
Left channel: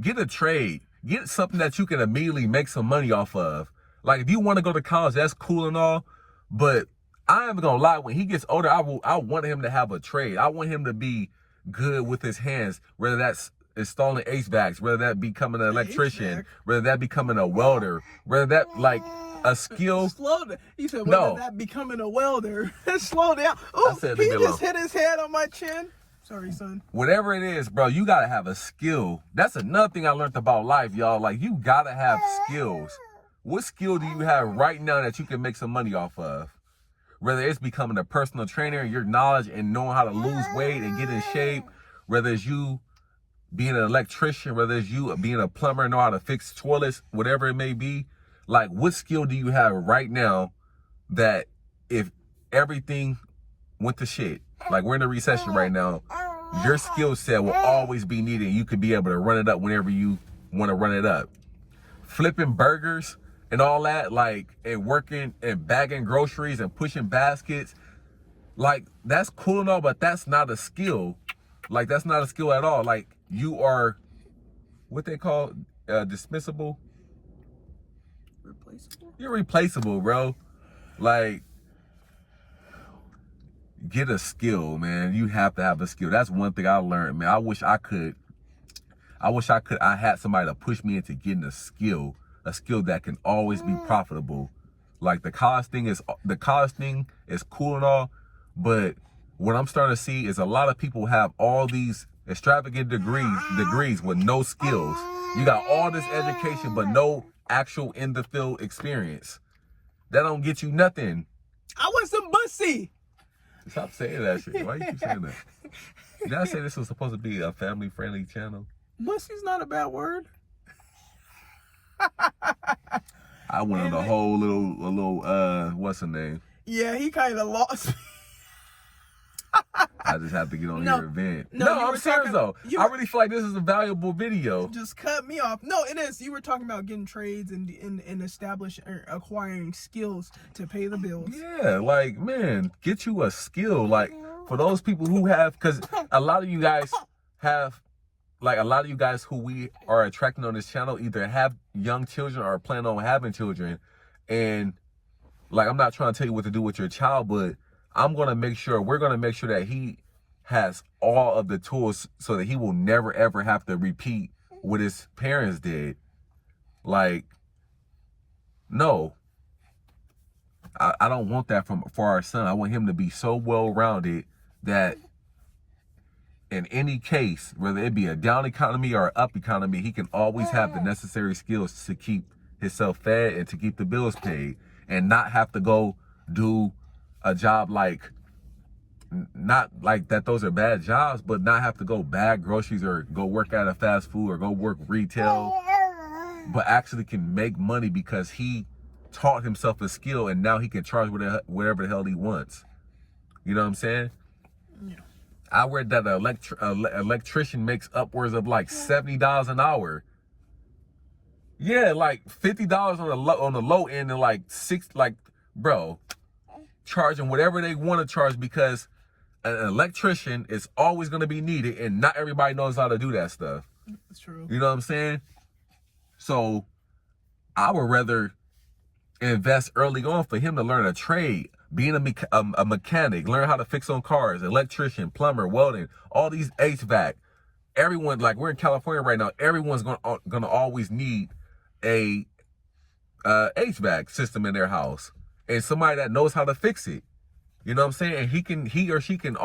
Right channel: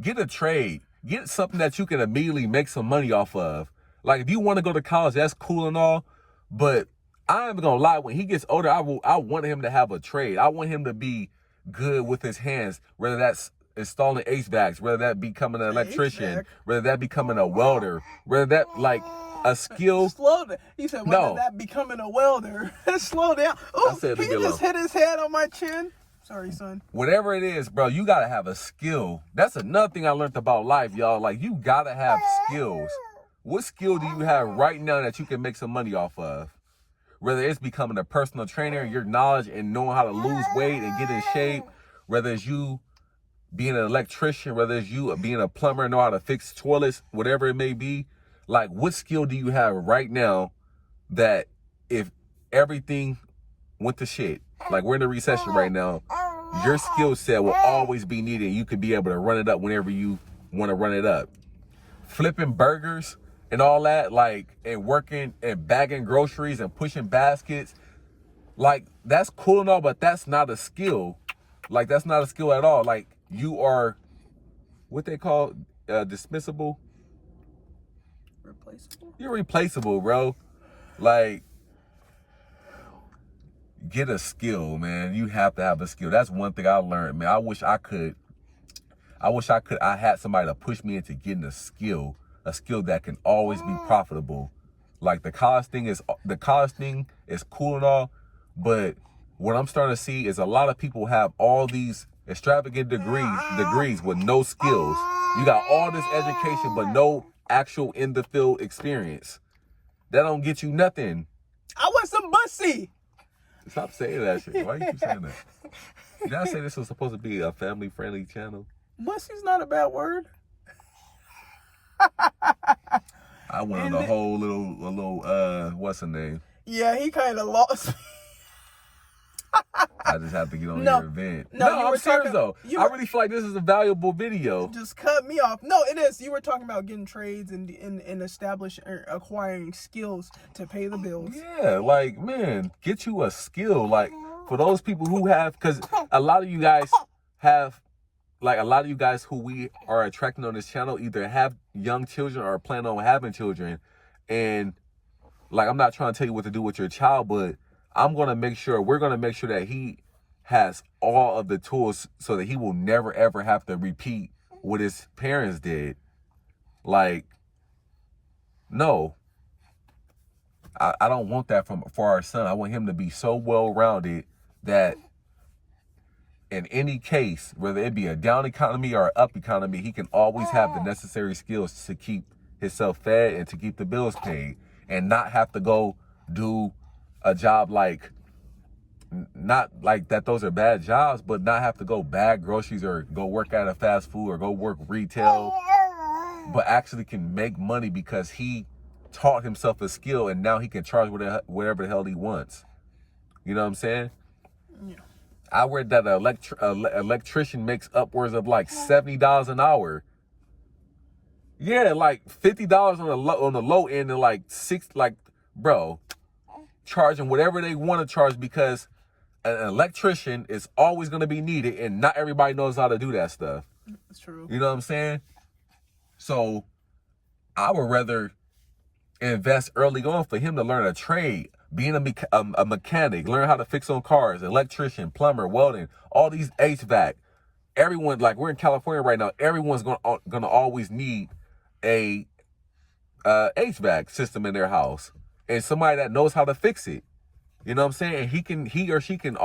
Get a trade. Get something that you can immediately make some money off of. Like, if you want to go to college, that's cool and all. But I ain't gonna lie, when he gets older, I want him to have a trade. I want him to be good with his hands, whether that's installing HVACs, whether that becoming an electrician, whether that becoming a welder, whether that, like, a skill. Slow down. He said, whether that becoming a welder. Slow down. Oh, he just hit his head on my chin. Sorry, son. Whatever it is, bro, you gotta have a skill. That's another thing I learned about life, y'all. Like, you gotta have skills. What skill do you have right now that you can make some money off of? Whether it's becoming a personal trainer, your knowledge and knowing how to lose weight and get in shape, whether it's you being an electrician, whether it's you being a plumber, know how to fix toilets, whatever it may be. Like, what skill do you have right now that if everything went to shit, like we're in a recession right now, your skill set will always be needed. You could be able to run it up whenever you want to run it up. Flipping burgers and all that, like, and working and bagging groceries and pushing baskets, like, that's cool and all, but that's not a skill. Like, that's not a skill at all. Like, you are what they call dismissible. Replaceable? You're replaceable, bro. Like, get a skill, man. You have to have a skill. That's one thing I learned, man. I wish I had somebody to push me into getting a skill that can always be profitable. Like, the college thing is cool and all, but what I'm starting to see is a lot of people have all these extravagant degrees with no skills. You got all this education, but no actual in the field experience. That don't get you nothing. I want some bussy. Stop saying that shit. Why you keep saying that? You gotta say this was supposed to be a family-friendly channel. Bussy's not a bad word. I wanted a whole little what's her name? Yeah, he kind of lost me. I just have to get on here and vent. No, I'm serious though. I really feel like this is a valuable video. Just cut me off. No, it is. You were talking about getting trades and acquiring skills to pay the bills. Yeah, like, man, get you a skill. Like, for those people who have, because a lot of you guys have, like, a lot of you guys who we are attracting on this channel either have young children or plan on having children. And, like, I'm not trying to tell you what to do with your child, but we're going to make sure that he has all of the tools so that he will never, ever have to repeat what his parents did. Like, no. I don't want that for our son. I want him to be so well-rounded that in any case, whether it be a down economy or an up economy, he can always have the necessary skills to keep himself fed and to keep the bills paid, and not have to go do a job like, not like that those are bad jobs, but not have to go bag groceries or go work at a fast food or go work retail, but actually can make money because he taught himself a skill and now he can charge whatever the hell he wants. You know what I'm saying? Yeah. I read that an electrician makes upwards of like $70 an hour. Yeah, like $50 on the low end, and like bro, charging whatever they want to charge, because an electrician is always going to be needed, and not everybody knows how to do that stuff. That's true. You know what I'm saying? So I would rather invest early on for him to learn a trade, being a mechanic, learn how to fix on cars, electrician, plumber, welding, all these HVAC. Everyone, like, we're in California right now, everyone's gonna always need a HVAC system in their house, and somebody that knows how to fix it. You know what I'm saying? And he or she can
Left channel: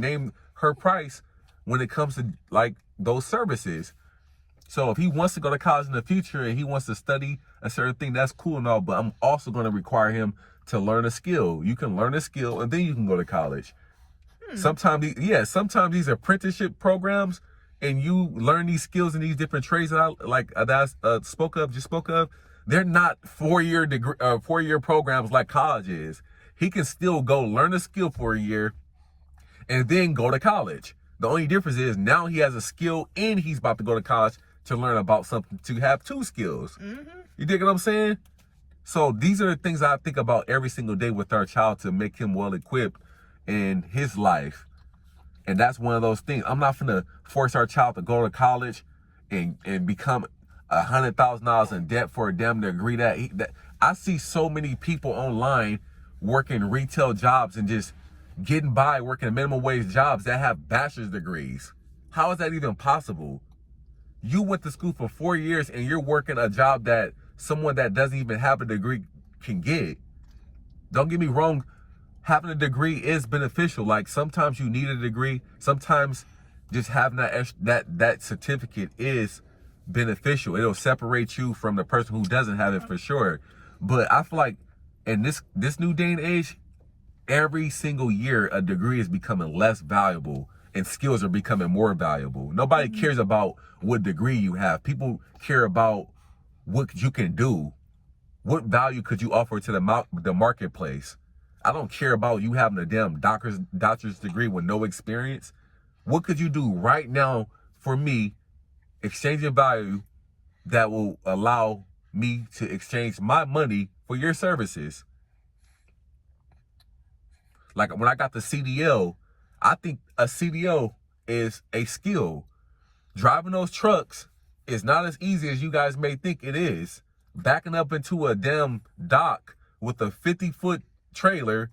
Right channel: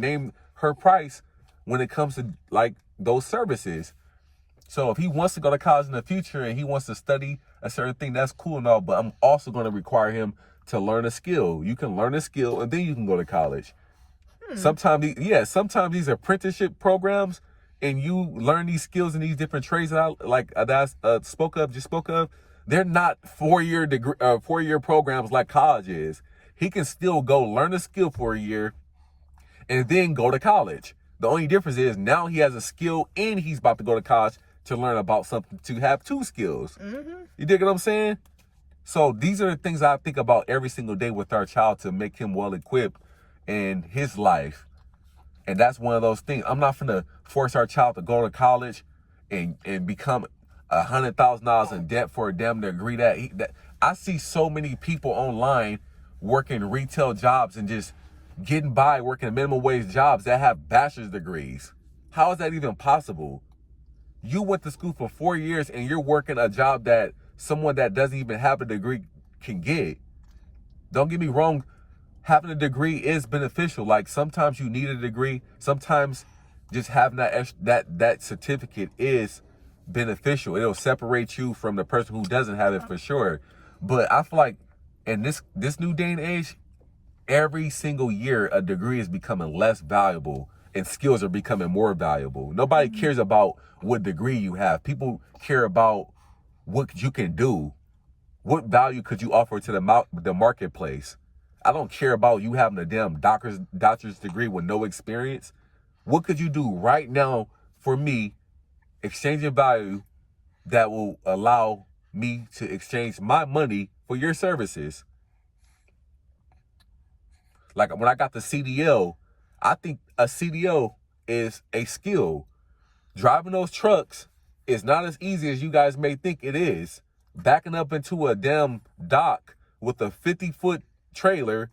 name her price when it comes to like those services. So if he wants to go to college in the future and he wants to study a certain thing, that's cool and all, but I'm also going to require him to learn a skill. You can learn a skill and then you can go to college. Sometimes these apprenticeship programs, and you learn these skills in these different trades that I spoke of, they're not 4-year programs like college is. He can still go learn a skill for a year and then go to college. The only difference is now he has a skill and he's about to go to college to learn about something, to have 2 skills. Mm-hmm. You dig what I'm saying? So these are the things I think about every single day with our child to make him well equipped in his life. And that's one of those things. I'm not gonna force our child to go to college and become $100,000 in debt for a damn degree that I see so many people online working retail jobs and just getting by working minimum wage jobs that have bachelor's degrees. How is that even possible? You went to school for 4 years and you're working a job that someone that doesn't even have a degree can get. Don't get me wrong, having a degree is beneficial. Like, sometimes you need a degree. Sometimes just having that certificate is beneficial. It'll separate you from the person who doesn't have it for sure. But I feel like in this new day and age, every single year a degree is becoming less valuable and skills are becoming more valuable. Nobody cares about what degree you have. People care about what you can do. What value could you offer to the marketplace? I don't care about you having a damn doctor's degree with no experience. What could you do right now for me, exchanging value that will allow me to exchange my money for your services? Like when I got the CDL, I think a CDL is a skill. Driving those trucks is not as easy as you guys may think it is. Backing up into a damn dock with a 50-foot trailer,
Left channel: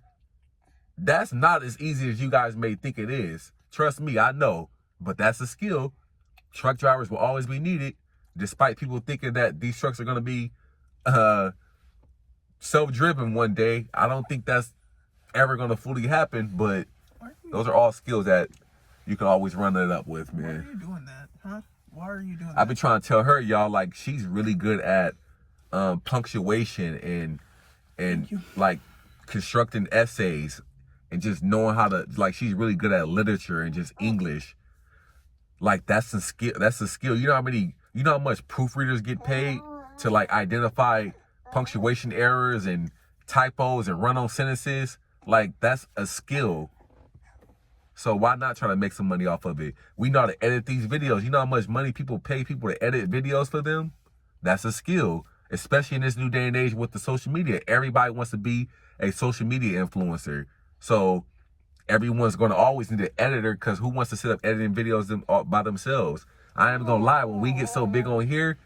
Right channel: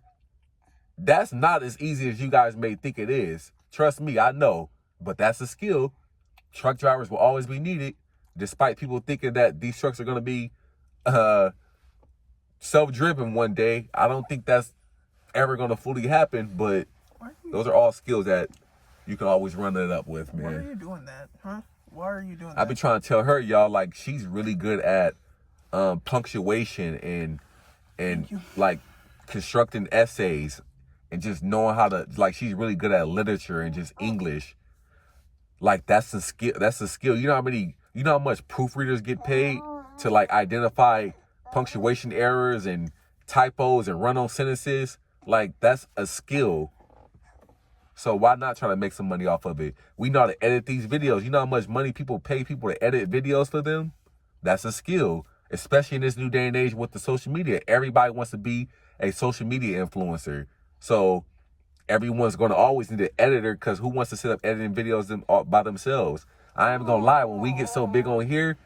that's not as easy as you guys may think it is. Trust me, I know, but that's a skill. Truck drivers will always be needed, despite people thinking that these trucks are going to be self-driven one day. I don't think that's ever going to fully happen, but those are all skills that you can always run it up with, man. Why are you doing that, huh? Why are you doing that? I've been trying to tell her, y'all, like, she's really good at punctuation and like constructing essays and just knowing how to, like, she's really good at literature and just English. Like, that's a skill. You know how much proofreaders get paid to like identify punctuation errors and typos and run on sentences? Like, that's a skill. So why not try to make some money off of it? We know how to edit these videos. You know how much money people pay people to edit videos for them? That's a skill, especially in this new day and age with the social media. Everybody wants to be a social media influencer. So everyone's going to always need an editor, because who wants to sit up editing videos by themselves? I am going to lie. When we get so big on here,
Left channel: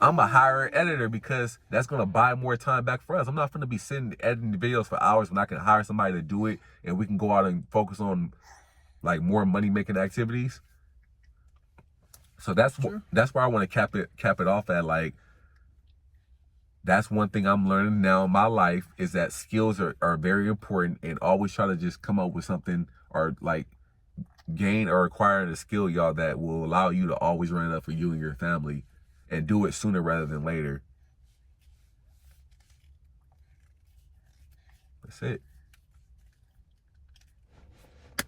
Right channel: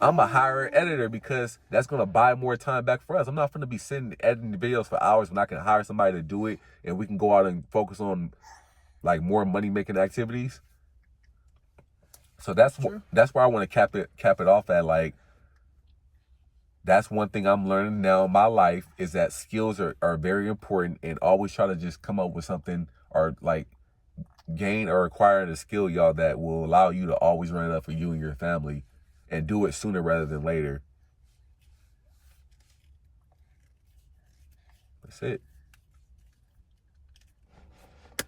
I'm a hire an editor because that's gonna buy more time back for us. I'm not gonna be sitting editing videos for hours when I can hire somebody to do it and we can go out and focus on like more money making activities. So that's where I want to cap it off at. Like, that's one thing I'm learning now in my life is that skills are very important, and always try to just come up with something or like gain or acquire a skill, y'all, that will allow you to always run it up for you and your family and do it sooner rather than later. That's it.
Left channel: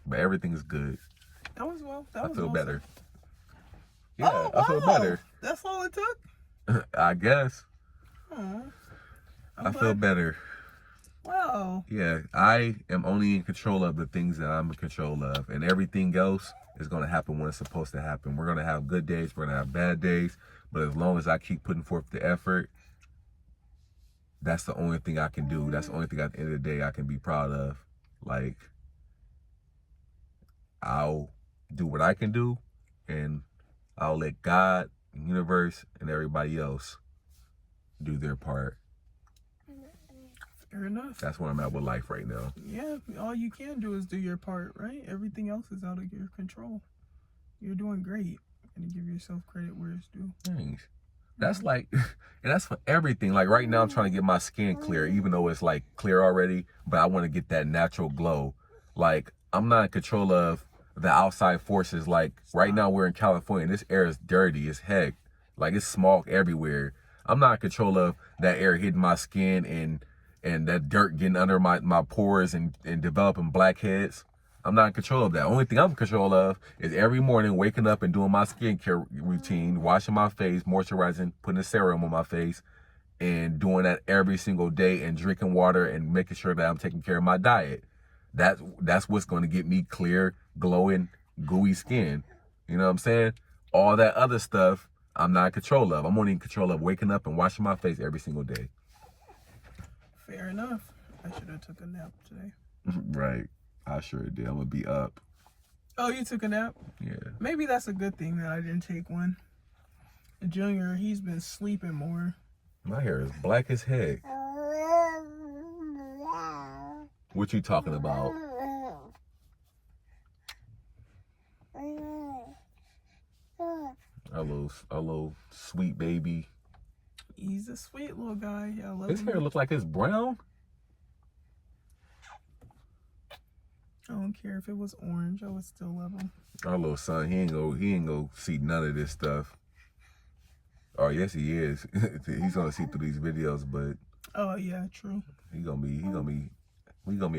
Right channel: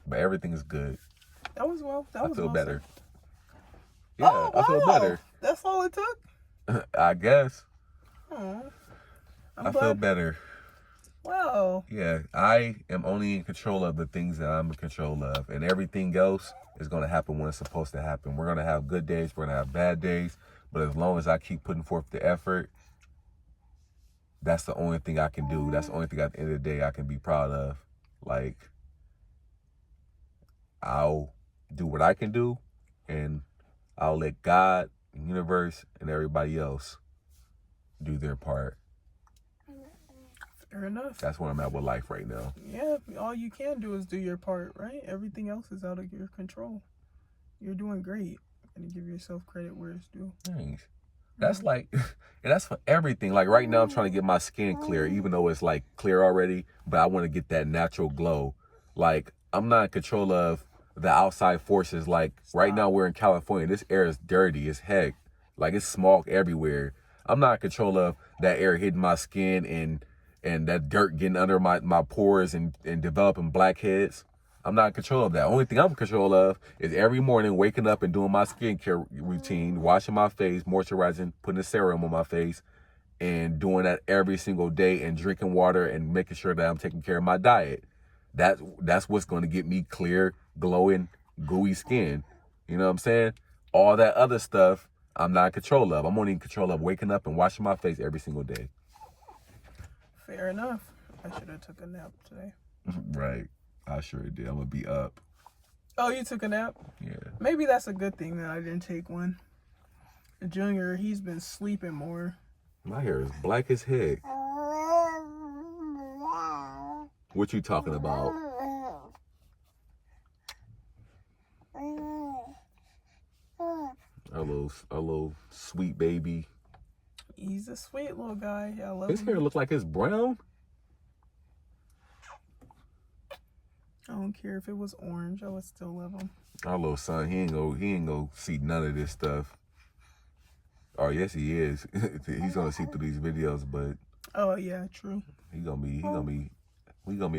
But everything is good. That was well. That was I feel awesome. better. Yeah, Oh, I feel better. That's all it took? I guess. Oh, I feel better. Wow. Yeah, I am only in control of the things that I'm in control of, and everything else is going to happen when it's supposed to happen. We're going to have good days, we're going to have bad days, but as long as I keep putting forth the effort, that's the only thing I can do. That's the only thing at the end of the day I can be proud of. Like, I'll do what I can do, and I'll let God, the universe, and everybody else do their part. Fair enough. That's where I'm at with life right now. Yeah, all you can do is do your part, right? Everything else is out of your control. You're doing great. And give yourself credit where it's due. Thanks. That's like, that's for everything. Like right now I'm trying to get my skin clear, even though it's like clear already, but I want to get that natural glow. Like, I'm not in control of the outside forces. Like right now we're in California. This air is dirty as heck. Like, it's smog everywhere. I'm not in control of that air hitting my skin and that dirt getting under my pores and developing blackheads. I'm not in control of that. Only thing I'm in control of is every morning waking up and doing my skincare routine, washing my face, moisturizing, putting a serum on my face, and doing that every single day, and drinking water and making sure that I'm taking care of my diet. That's what's going to get me clear, glowing, gooey skin. You know what I'm saying? All that other stuff, I'm not in control of. I'm only in control of waking up and washing my face every single day. Fair enough. I should have took a nap today. Right. I sure did. I'm going to be up. Oh, you took a nap? Yeah. Maybe that's a good thing that I didn't take one. The Junior, he's been sleeping more. My hair is black as heck. What you talking about? Our little sweet baby. He's a sweet little guy. I love His him. hair look like it's brown. I don't care if it was orange. I would still love him. Our little son, he ain't gonna see none of this stuff. Oh yes, he is. He's gonna see through these videos, but Oh yeah, true. we gonna be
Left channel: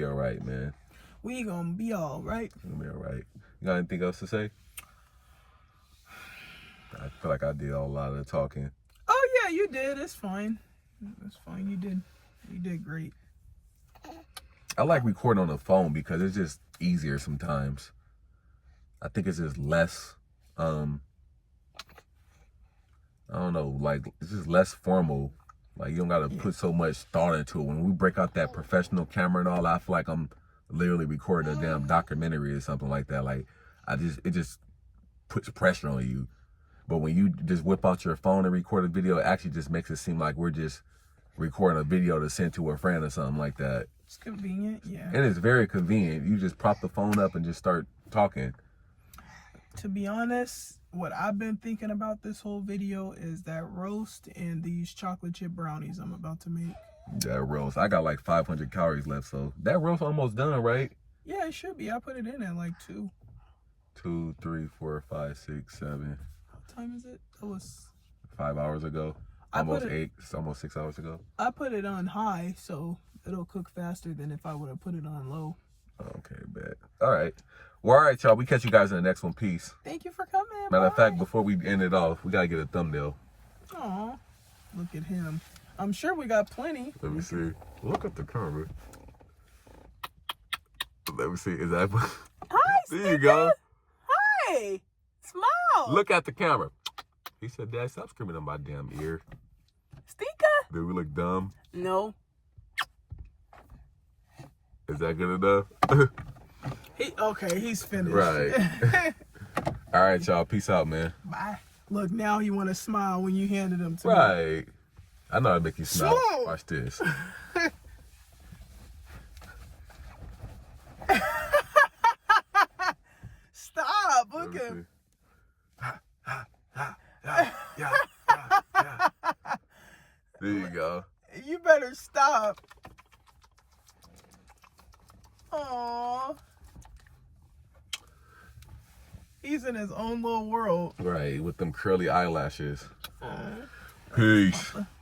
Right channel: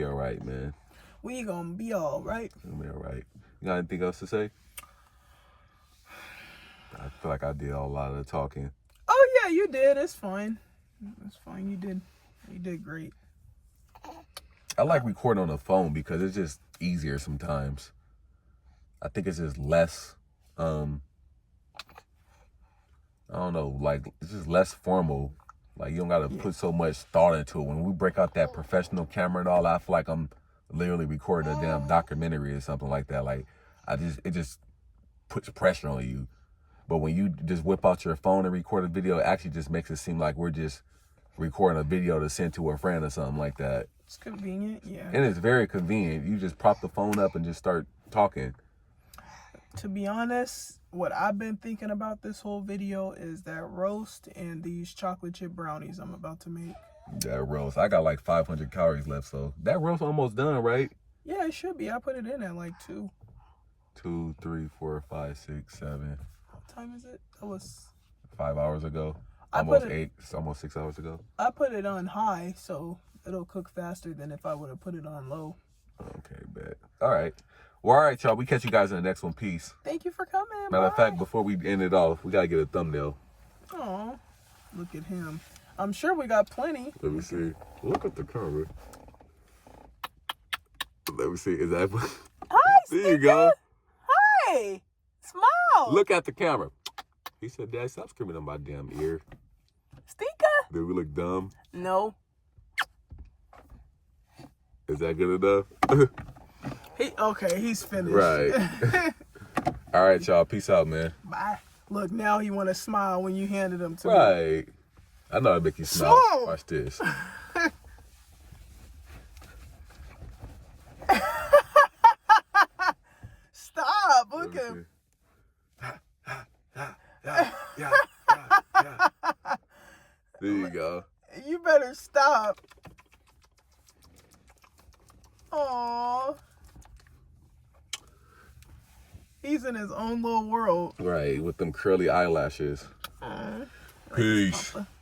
all right, man. We gonna be all right. We gonna be all right. You got anything else to say? I feel like I did a lot of the talking. Oh yeah, you did. It's fine. It's fine. You did great. I like recording on the phone because it's just easier sometimes. I think it's just less, I don't know, like, it's just less formal. Like, you don't got to put so much thought into it. When we break out that professional camera and all, I feel like I'm literally recording a damn documentary or something like that. Like, it just puts pressure on you. But when you just whip out your phone and record a video, it actually just makes it seem like we're just recording a video to send to a friend or something like that. It's convenient, yeah. And it's very convenient. You just prop the phone up and just start talking. To be honest, what I've been thinking about this whole video is that roast and these chocolate chip brownies I'm about to make. That roast. I got like 500 calories left, so that roast almost done, right? Yeah, it should be. I put it in at like 2. 2, 3, 4, 5, 6, 7. What time is it? That was 5 hours ago. Almost 8. It's almost 6 hours ago. I put it on high, so it'll cook faster than if I would have put it on low. Okay, bet. All right. Well, all right, y'all. We catch you guys in the next one. Peace. Thank you for coming. Matter of Bye. fact, before we end it off, we got to get a thumbnail. Aw, look at him. I'm sure we got plenty. Let me see. Look at the camera. Let me see. Is that... Hi, There you go. Hi. Smile. Look at the camera. He said, Dad, stop screaming in my damn ear. Stinker. Do we look dumb? No. Is that good enough? Okay, he's finished. Right. All right, y'all. Peace out, man. Bye. Look, now he want to smile when you handed him to me. Right. I know it'll make you smile. Smoke. Watch this. Stop. Look at him. Yeah. There you go. You better stop. Aww. He's in his own little world. Right, with them curly eyelashes. Peace.